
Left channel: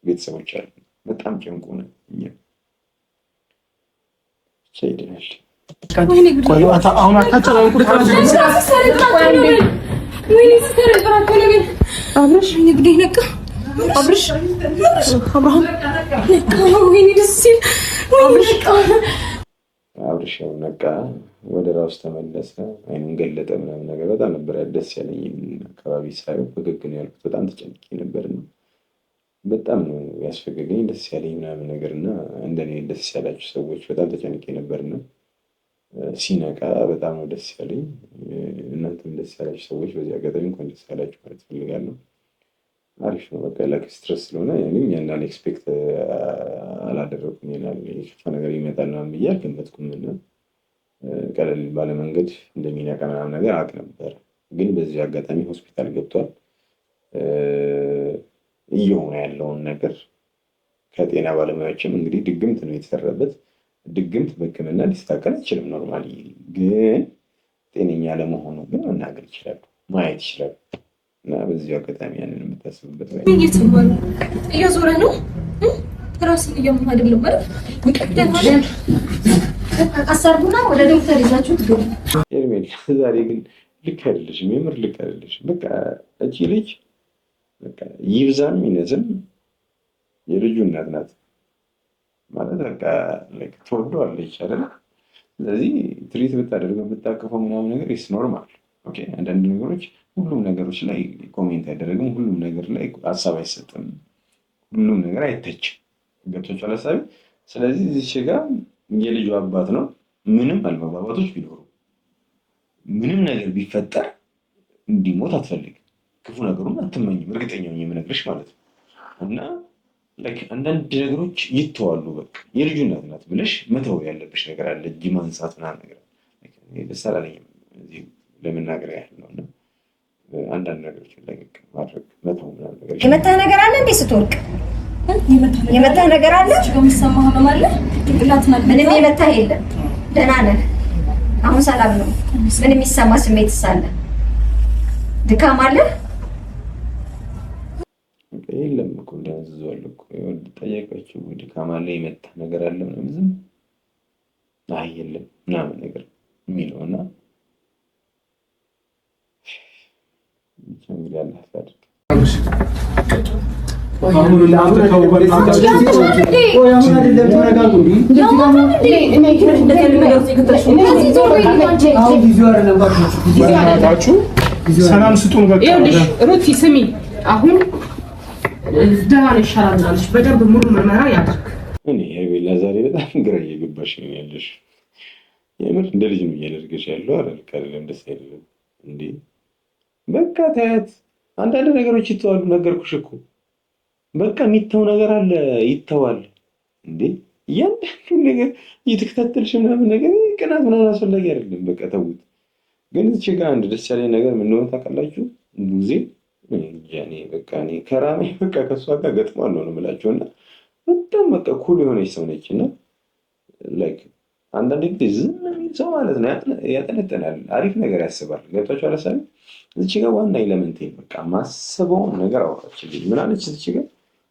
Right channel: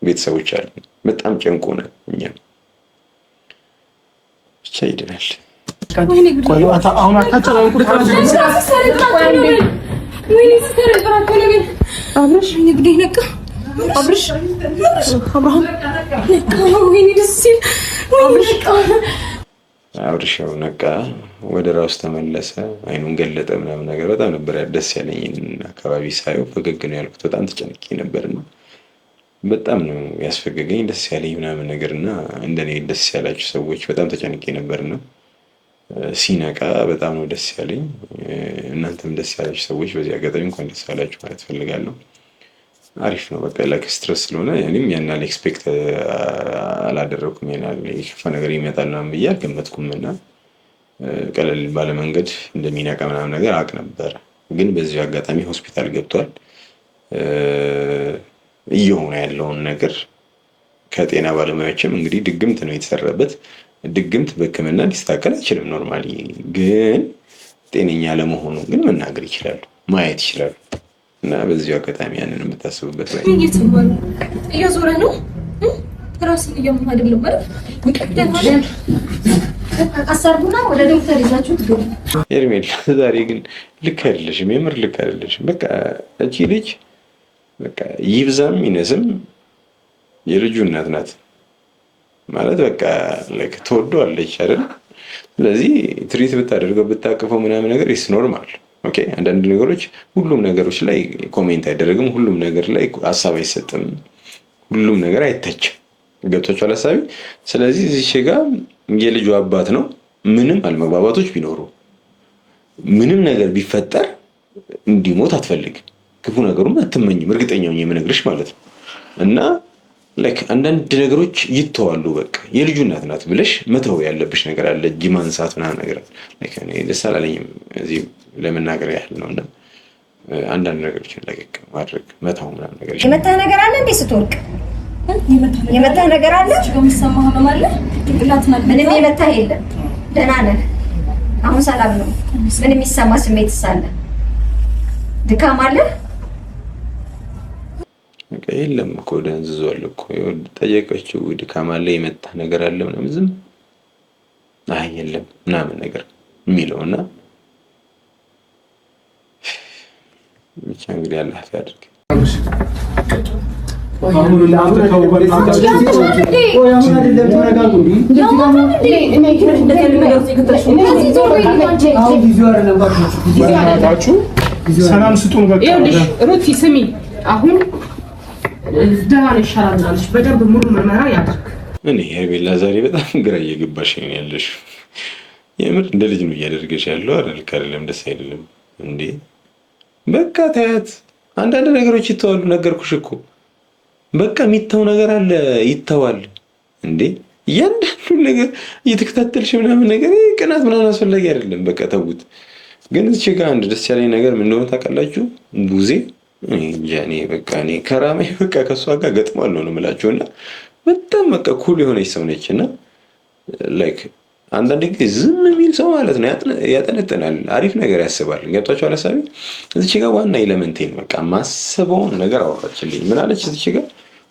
ቤተሰቦች አለን። በጣም ጨንቆናል። እኛም ብቻ ይድናል። አሁን አብርሽ ንግዴ ነቃ። አብርሽ አብርሃም አብርሽ ነቃ፣ ወደ ራሱ ተመለሰ፣ አይኑን ገለጠ ምናምን ነገር። በጣም ነበር ደስ ያለኝ። አካባቢ ሳየው ፈገግ ነው ያልኩት። በጣም ተጨንቄ ነበርና በጣም ነው ያስፈገገኝ፣ ደስ ያለኝ ምናምን ነገርና እንደኔ ደስ ያላችሁ ሰዎች በጣም ተጨንቄ ነበርና ሲነቃ በጣም ነው ደስ ያለኝ። እናንተም ደስ ያላችሁ ሰዎች በዚህ አጋጣሚ እንኳን ደስ ያላችሁ ማለት ፈልጋለሁ። አሪፍ ነው። በቃ ላይክ ስትረስ ስለሆነ እኔም ያናል ኤክስፔክት አላደረኩም። ያናል የከፋ ነገር ይመጣል ምናምን ብዬ አልገመትኩም እና ቀለል ባለ መንገድ እንደሚነቃ ምናምን ነገር አውቅ ነበር። ግን በዚህ አጋጣሚ ሆስፒታል ገብቷል። እየሆነ ያለውን ነገር ከጤና ባለሙያዎችም እንግዲህ ድግምት ነው የተሰራበት። ድግምት በሕክምና ሊስተካከል አይችልም ኖርማሊ። ግን ጤነኛ ለመሆኑ ግን መናገር ይችላሉ፣ ማየት ይችላሉ። እና በዚሁ አጋጣሚ ያንን የምታስቡበት ላይ እየዞረ ነው። ራስን እያመመህ አይደለም ማለት አሳርቡና ወደ ዶክተር ይዛችሁ ትገቡ። ሄርሜላ ዛሬ ግን ልክ አይደለሽም፣ የምር ልክ አይደለሽም። በቃ እቺ ልጅ በቃ ይብዛም ይነስም የልጁ እናት ናት ማለት በቃ ላይክ ትወደዋለች አይደል? ስለዚህ ትሪት ብታደርገው ብታቅፈው ምናምን ነገር ኢስ ኖርማል። ኦኬ አንዳንድ ነገሮች ሁሉም ነገሮች ላይ ኮሜንት አይደረግም፣ ሁሉም ነገር ላይ ሀሳብ አይሰጥም፣ ሁሉም ነገር አይተችም። ገብቶሻል ሀሳቤ? ስለዚህ እዚህ ጋር የልጁ አባት ነው። ምንም አለመግባባቶች ቢኖሩ ምንም ነገር ቢፈጠር እንዲሞት አትፈልግም፣ ክፉ ነገሩም አትመኝም። እርግጠኛው የምነግርሽ ማለት ነው። እና ላይክ አንዳንድ ነገሮች ይተዋሉ። በቃ የልጁ እናት ናት ብለሽ መተው ያለብሽ ነገር አለ። እጅ ማንሳት ምናምን ነገር ላይክ እኔ ደስ አላለኝም እዚህ ለመናገር ያህል ነው። እና አንዳንድ ነገሮችን ለቀቅ ማድረግ መተው ምናምን ነገር የመጣ ነገር አለ እንዴ ስትወርቅ የመታ ነገር አለ? የሚሰማ ህመም አለ? ጭንቅላት ምንም የመታ የለም። ደህና ነህ? አሁን ሰላም ነው? ምን የሚሰማ ስሜት ሳለ? ድካም አለ? የለም እኮ ደንዝዟል እኮ ጠየቀችው። ድካም አለ የመታ ነገር አለ ምናምን ዝም አይ የለም ምናምን ነገር የሚለውና ብቻ እንግዲህ አላህ ያድርግ። ሰላም ስጡን። በቃ ሩቲ ስሚ፣ አሁን ደህና ይሻላል ብላለች። በደንብ ሙሉ ምርመራ ያድርግ። እኔ ሄርሜላ ዛሬ በጣም ግራ እየገባሽ ነው ያለሽ። የምር እንደ ልጅ ነው እያደረገሽ ያለው አይደለም? ደስ አይደለም እንዴ? በቃ ታያት። አንዳንድ ነገሮች ይተዋሉ። ነገርኩሽ እኮ በቃ የሚተው ነገር አለ፣ ይተዋል እንዴ። እያንዳንዱ ነገር እየተከታተልሽ ምናምን ነገር ቅናት ምናምን አስፈላጊ አይደለም። በቃ ተውት። ግን እዚህ ጋር አንድ ደስ ያለኝ ነገር ምን እንደሆነ ታውቃላችሁ? ቡዜ እኔ በቃ እኔ ከራሜ በቃ ከእሷ ጋር ገጥማለሁ ነው የምላችሁና በጣም በቃ ኩል የሆነች ሰው ነች። እና ላይክ አንዳንድ ጊዜ ዝም የሚል ሰው ማለት ነው ያጠነጥናል፣ አሪፍ ነገር ያስባል። ገብቷችኋል ሀሳቤ? እዚች ጋር ዋና ኤለመንቴን በቃ ማስበውን ነገር አወራችልኝ። ምን አለች? እዚች ጋር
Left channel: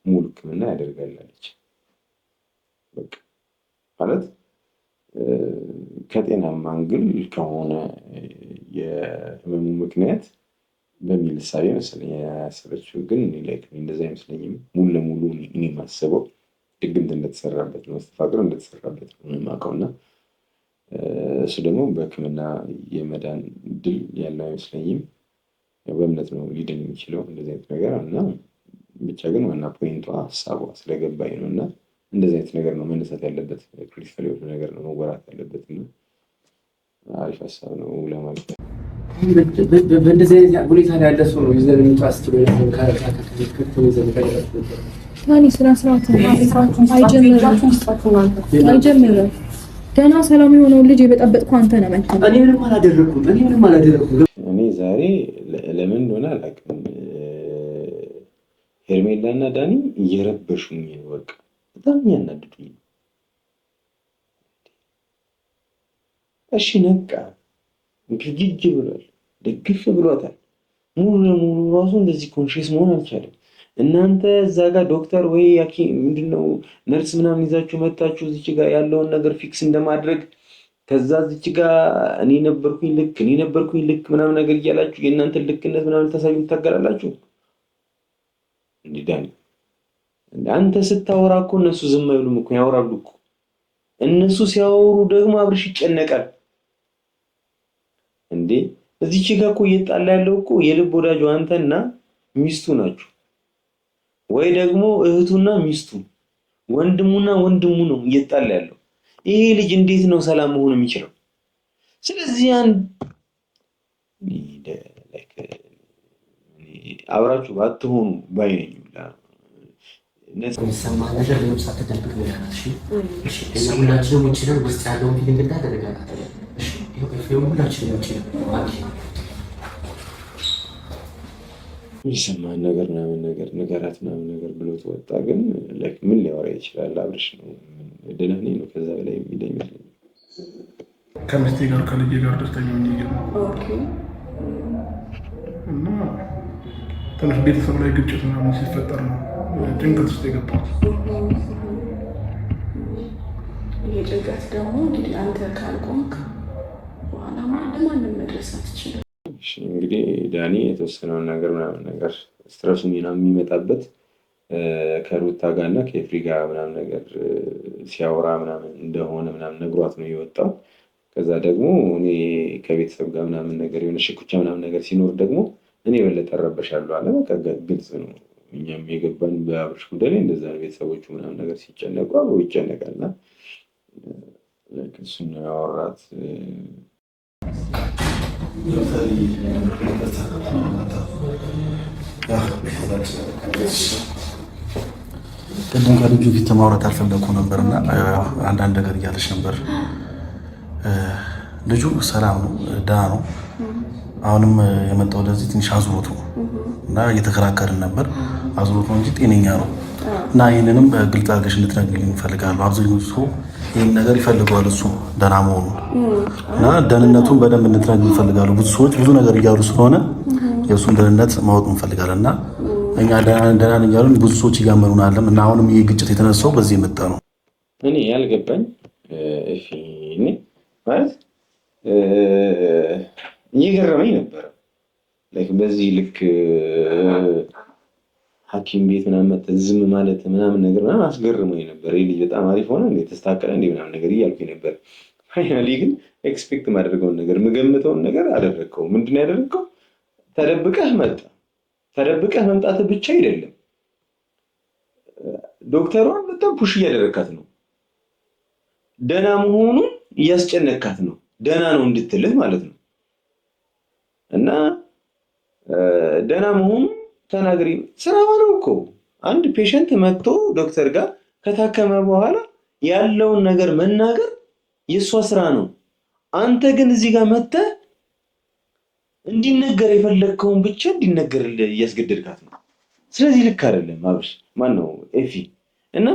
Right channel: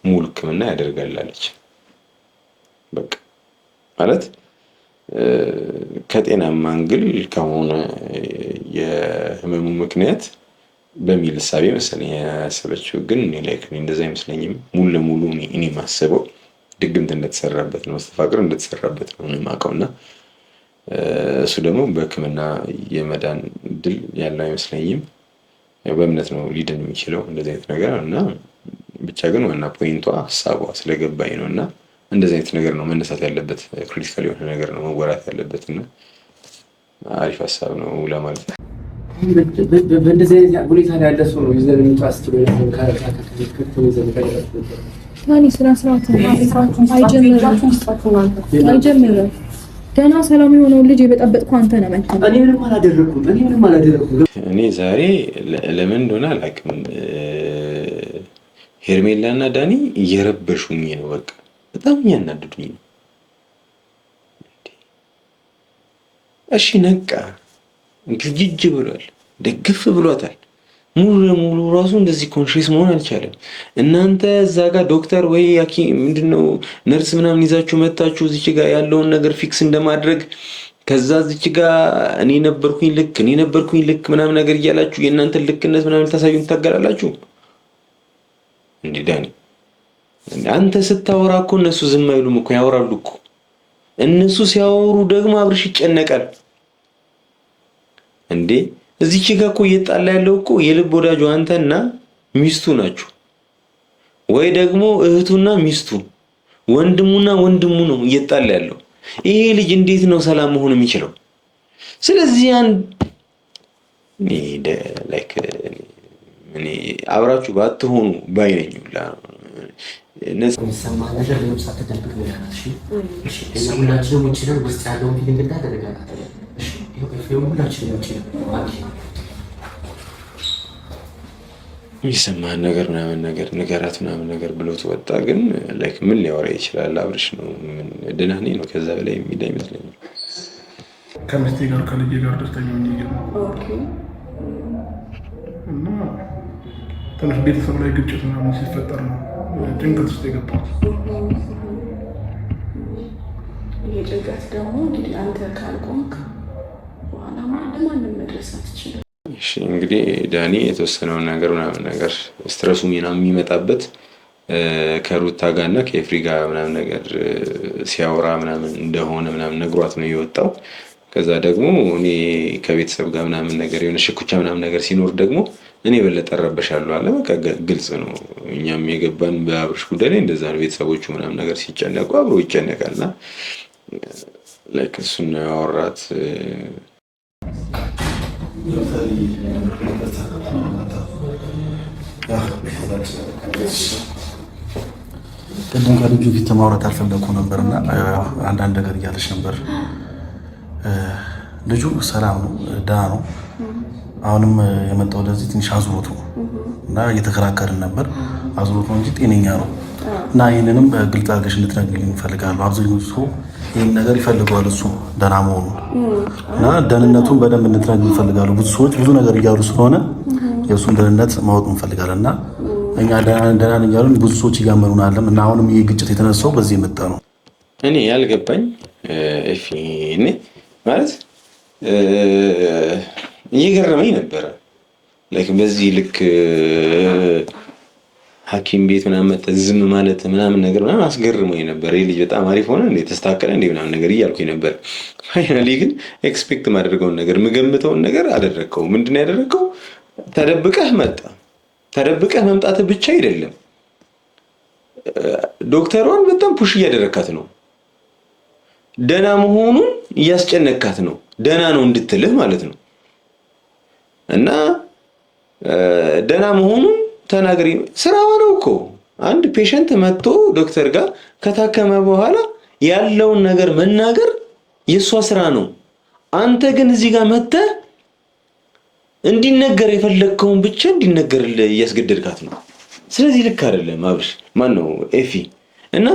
ሙሉ ሕክምና ያደርጋላለች። በቃ ማለት ከጤናማ አንግል ከሆነ የህመሙ ምክንያት በሚል እሳቤ መሰለኝ ያሰበችው። ግን እኔ ላይክ እንደዛ አይመስለኝም። ሙሉ ለሙሉ እኔ ማስበው ድግምት እንደተሰራበት ነው፣ መስተፋቅር እንደተሰራበት ነው የማውቀው። እና እሱ ደግሞ በህክምና የመዳን እድል ያለው አይመስለኝም። በእምነት ነው ሊድን የሚችለው እንደዚህ አይነት ነገር እና ብቻ ግን ዋና ፖይንቷ ሀሳቧ ስለገባኝ ነው። እና እንደዚህ አይነት ነገር ነው መነሳት ያለበት፣ ክሪቲካል የሆነ ነገር ነው መወራት ያለበት። እና አሪፍ ሀሳብ ነው ለማለት ነው። በእንደዚህ አይነት ሁኔታ ላይ ያለ ሰው ነው ይዘን እንጣስት ነው አይጀምርም። ገና ሰላም የሆነውን ልጅ የበጠበጥኩ አንተ ነህ። እኔ ምንም አላደረኩም። እኔ ዛሬ ለምን እንደሆነ አላውቅም፣ ሄርሜላ እና ዳኒ እየረበሹኝ ነው። በቃ በጣም እያናደዱኝ ነው። እሺ ነቃ ግጅ ብሏል፣ ደግፍ ብሏታል። ሙሉ ለሙሉ ራሱ እንደዚህ ኮንሽስ መሆን አልቻለም። እናንተ እዛ ጋር ዶክተር ወይ ምንድነው ነርስ ምናምን ይዛችሁ መታችሁ እዚች ጋር ያለውን ነገር ፊክስ እንደማድረግ ከዛ እዚች ጋር እኔ ነበርኩኝ ልክ ምናምን ነገር እያላችሁ የእናንተን ልክነት ምናምን ታሳዩን ታገላላችሁ እንዴ? ዳኒ አንተ ስታወራ እኮ እነሱ ዝም አይሉም እኮ ያወራሉ እኮ። እነሱ ሲያወሩ ደግሞ አብርሽ ይጨነቃል እንዴ። እዚች ጋር እኮ እየጣላ ያለው እኮ የልብ ወዳጁ አንተና ሚስቱ ናችሁ፣ ወይ ደግሞ እህቱና ሚስቱ፣ ወንድሙና ወንድሙ ነው እየጣላ ያለው። ይሄ ልጅ እንዴት ነው ሰላም መሆን የሚችለው? ስለዚህ እኔ አብራችሁ ባትሆኑ ባይነኙላ የሚሰማ ነገር ለምሳ ተደብቅ ያላሽ ሁላችንም ውጭ ውስጥ ያለውን ፊልም እንዳደረጋት ሁላችንም ውጭ የሚሰማህን ነገር ምናምን ነገር ንገራት ምናምን ነገር ብሎት ወጣ። ግን ላይክ ምን ሊያወራ ይችላል? አብርሽ ነው ምን ደህና ነኝ ነው፣ ከዛ በላይ የሚል አይመስለኝም። ከሚስቴ ጋር ከልጄ ጋር ደስተኛ ነኝ እና ትንሽ ቤተሰብ ላይ ግጭት ምናምን ሲፈጠር ነው ጭንቀት ውስጥ የገባሁት። ይሄ ጭንቀት ደግሞ እንግዲህ አንተ ካልቆምክ በኋላ ለማንም መድረስ አትችልም። እሺ እንግዲህ ዳኒ የተወሰነውን ነገር ምናምን ነገር ስትረሱ ምናምን የሚመጣበት ከሩታ ጋርና ከኤፍሪ ጋር ምናምን ነገር ሲያወራ ምናምን እንደሆነ ምናምን ነግሯት ነው የወጣው። ከዛ ደግሞ እኔ ከቤተሰብ ጋር ምናምን ነገር የሆነ ሽኩቻ ምናምን ነገር ሲኖር ደግሞ እኔ በለጠ እረበሻለሁ አለ። በቃ ግልጽ ነው። እኛም የገባን በአብርሽ ጉዳይ ላይ እንደዛ ነው። ቤተሰቦቹ ምናምን ነገር ሲጨነቁ አብሮ ይጨነቃልና ላይክ እሱን ነው ያወራት። ቅድም ከልጁ ፊት ማውራት አልፈለኩ ነበርና አንዳንድ ነገር እያለች ነበር። ልጁ ሰላም ነው፣ ደህና ነው። አሁንም የመጣው ለዚህ ትንሽ አዙሮት ነው እና እየተከራከርን ነበር። አዙሮት ነው እንጂ ጤነኛ ነው። እና ይህንንም ግልጽ አድርገሽ እንድትነግሪኝ እፈልጋለሁ። አብዛኛው ሰው ይህን ነገር ይፈልገዋል፣ እሱ ደህና መሆኑ እና ደህንነቱን በደንብ እንድትነግሪኝ እፈልጋለሁ። ብዙ ሰዎች ብዙ ነገር እያሉ ስለሆነ የእሱን ደህንነት ማወቅ እንፈልጋለን እና እኛ ደህና ነን እያሉን ብዙ ሰዎች እያመኑን አለም እና አሁንም ይህ ግጭት የተነሳው በዚህ የመጣ ነው። እኔ ያልገባኝ እኔ ማለት እየገረመኝ ነበረ። በዚህ ልክ ሐኪም ቤት ምናምን መተህ ዝም ማለት ምናምን ነገር ምናምን አስገርሞኝ ነበር። ይህ ልጅ በጣም አሪፍ ሆነ እንዴ ተስተካከለ እንዴ ምናምን ነገር እያልኩኝ ነበር። ፋይናሊ ግን ኤክስፔክት ማደርገውን ነገር የምገምተውን ነገር አደረግከው። ምንድን ነው ያደረግከው? ተደብቀህ መጣ። ተደብቀህ መምጣትህ ብቻ አይደለም፣ ዶክተሯን በጣም ፑሽ እያደረካት ነው። ደህና መሆኑን እያስጨነካት ነው። ደህና ነው እንድትልህ ማለት ነው። እና ደህና መሆኑን ተናገሪ። ስራው ነው እኮ አንድ ፔሸንት መጥቶ ዶክተር ጋር ከታከመ በኋላ ያለውን ነገር መናገር የእሷ ስራ ነው። አንተ ግን እዚህ ጋር መጥተህ እንዲነገር የፈለግከውን ብቻ እንዲነገርልህ እያስገደድካት ነው። ስለዚህ ልክ አይደለም አብርሽ፣ ማን ነው ኤፊ። እና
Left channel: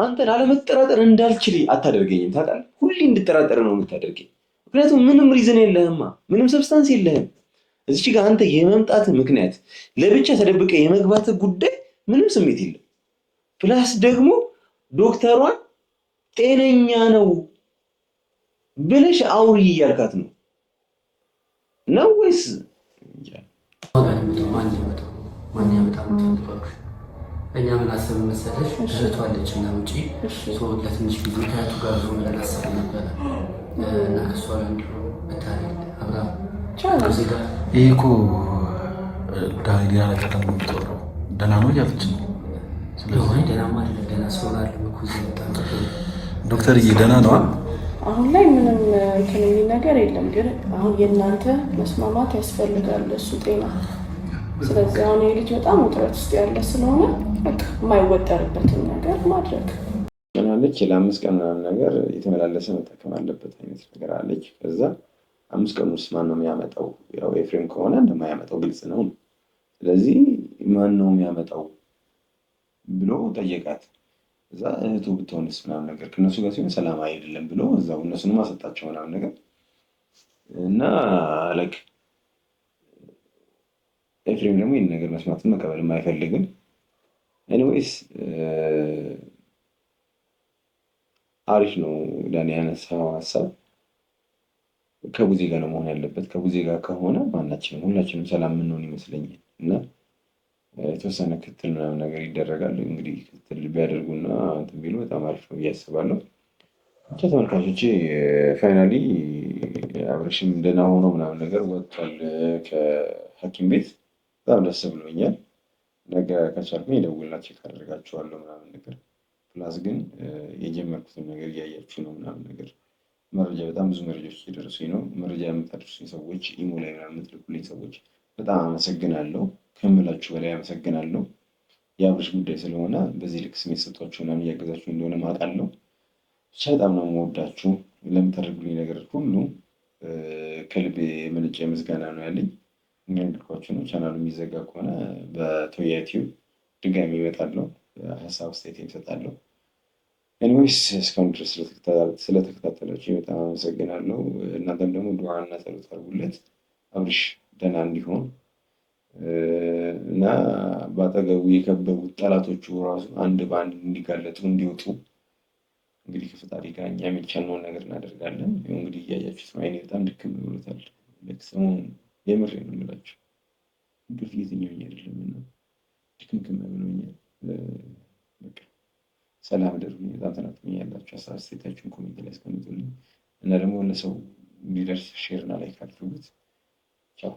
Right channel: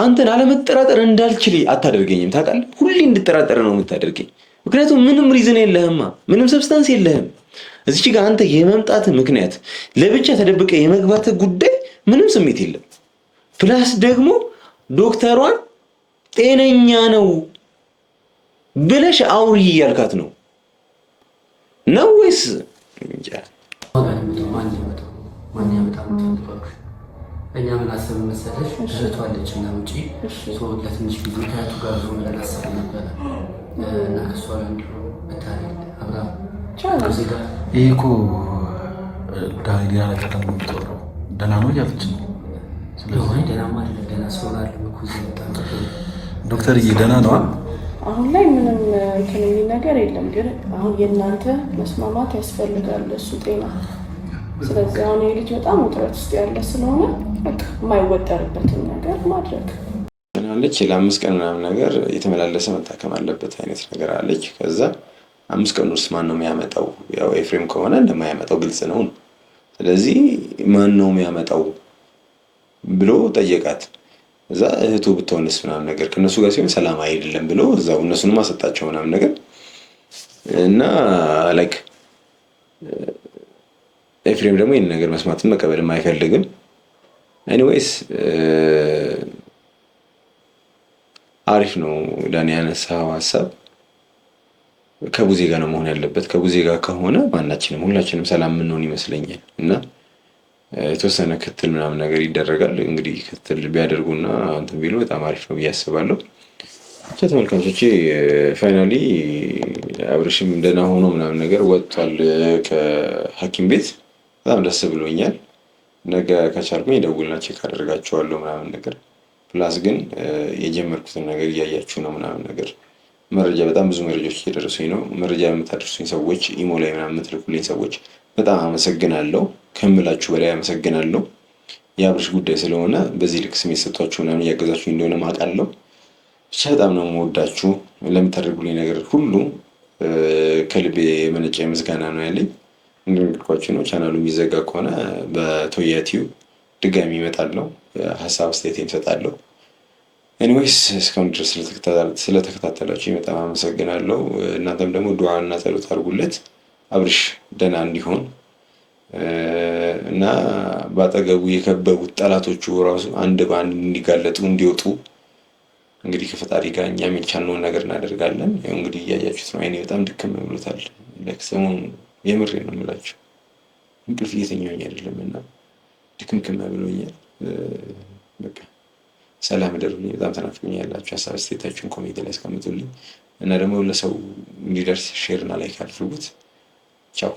አንተን አለመጠራጠር እንዳልችል አታደርገኝም። ታውቃለህ፣ ሁሌ እንድጠራጠር ነው የምታደርገኝ። ምክንያቱም ምንም ሪዝን የለህማ፣ ምንም ሰብስታንስ የለህም። እዚች ጋር አንተ የመምጣት ምክንያት ለብቻ ተደብቀ የመግባት ጉዳይ ምንም ስሜት የለም። ፕላስ ደግሞ ዶክተሯን ጤነኛ ነው ብለሽ አውሪ እያልካት ነው ወይስ እኛ ምን አሰብ መሰለሽ? እህቷ አለች እና ውጪ ለትንሽ ጊዜ ከእህቱ ጋር ዞ ብለን አሰብ ነበረ እና ከሷ ጋር እንዲሁ ብታደርግ አብራ ይህ እኮ ሌላ ነገር ደግሞ የምትወራው ደህና ነው እያለች ነው። ስለዚህ ደህና አይደለም። ደህና ሲሆን አለ እኮ እዚህ መጣ ዶክተርዬ ደህና ነዋ። አሁን ላይ ምንም እንትን የሚል ነገር የለም። ግን አሁን የእናንተ መስማማት ያስፈልጋል፣ እሱ ጤና። ስለዚህ አሁን የልጅ በጣም ውጥረት ውስጥ ያለ ስለሆነ በቃ የማይወጠርበትን ነገር ማድረግ አለች። ለ5 ቀን ምናምን ነገር የተመላለሰ መታከም አለበት አይነት ነገር አለች። ከዛ 5 ቀን ውስጥ ማን ነው የሚያመጣው? ያው ኤፍሬም ከሆነ እንደማያመጣው ግልጽ ነው። ስለዚህ ማን ነው የሚያመጣው ብሎ ጠየቃት። እዛ እህቱ ብትሆንስ ምናምን ነገር ከነሱ ጋር ሲሆን ሰላም አይደለም ብሎ እዛው እነሱንም አሰጣቸው ምናምን ነገር እና ላይክ ኤፍሬም ደግሞ ይህን ነገር መስማትን መቀበልም አይፈልግም። ኤኒዌይስ አሪፍ ነው ዳኒ ያነሳው ሀሳብ። ከቡዜ ጋር ነው መሆን ያለበት። ከቡዜ ጋር ከሆነ ማናችንም ሁላችንም ሰላም የምንሆን ይመስለኛል። እና የተወሰነ ክትል ምናምን ነገር ይደረጋል። እንግዲህ ክትል ቢያደርጉና እንትን ቢሉ በጣም አሪፍ ነው ብዬ አስባለሁ። ተመልካቾቼ ፋይናሊ አብርሽም ደህና ሆኖ ምናምን ነገር ወጥቷል ከሐኪም ቤት። በጣም ደስ ብሎኛል። ነገ ከቻልኩኝ ደውልና ቼክ አደርጋቸዋለሁ ምናምን ነገር። ፕላስ ግን የጀመርኩትን ነገር እያያችሁ ነው ምናምን ነገር መረጃ በጣም ብዙ መረጃዎች እየደረሱኝ ነው። መረጃ የምታደርሱኝ ሰዎች፣ ኢሞ ላይ ምናምን የምትልኩልኝ ሰዎች በጣም አመሰግናለሁ። ከምላችሁ በላይ አመሰግናለሁ። የአብርሽ ጉዳይ ስለሆነ በዚህ ልክ ስሜት ሰጥቷችሁ ምናምን እያገዛችሁ እንደሆነ ማውቃለሁ። ብቻ በጣም ነው የምወዳችሁ። ለምታደርጉልኝ ነገር ሁሉ ከልቤ የመነጨ ምስጋና ነው ያለኝ። እንደነገርኳችሁ ነው። ቻናሉ የሚዘጋ ከሆነ በቶያ ቲዩብ ድጋሚ እመጣለሁ፣ ሀሳብ አስተያየቴን እሰጣለሁ። ኤኒዌይስ እስካሁን ድረስ ስለተከታተላችሁ በጣም አመሰግናለሁ። እናንተም ደግሞ ዱዓ እና ጸሎት አድርጉለት አብርሽ ደህና እንዲሆን እና በአጠገቡ የከበቡት ጠላቶቹ ራሱ አንድ በአንድ እንዲጋለጡ እንዲወጡ እንግዲህ ከፈጣሪ ጋር እኛም የቻልነውን ነገር እናደርጋለን። ያው እንግዲህ እያያችሁት ነው። አይኔ በጣም ድክም ብሎታል። ሰሞኑን የምሬ ነው የምላችሁ እንቅልፍ እየተኛሁኝ አይደለም እና ድክምክም ብሎኛል። በቃ ሰላም እደሩልኝ። በጣም ተናፍቁኝ ያላችሁ ሀሳብ አስተያየታችሁን ኮሜንት ላይ አስቀምጡልኝ እና ደግሞ ለሰው እንዲደርስ ሼር እና ላይክ አድርጉት። ቻው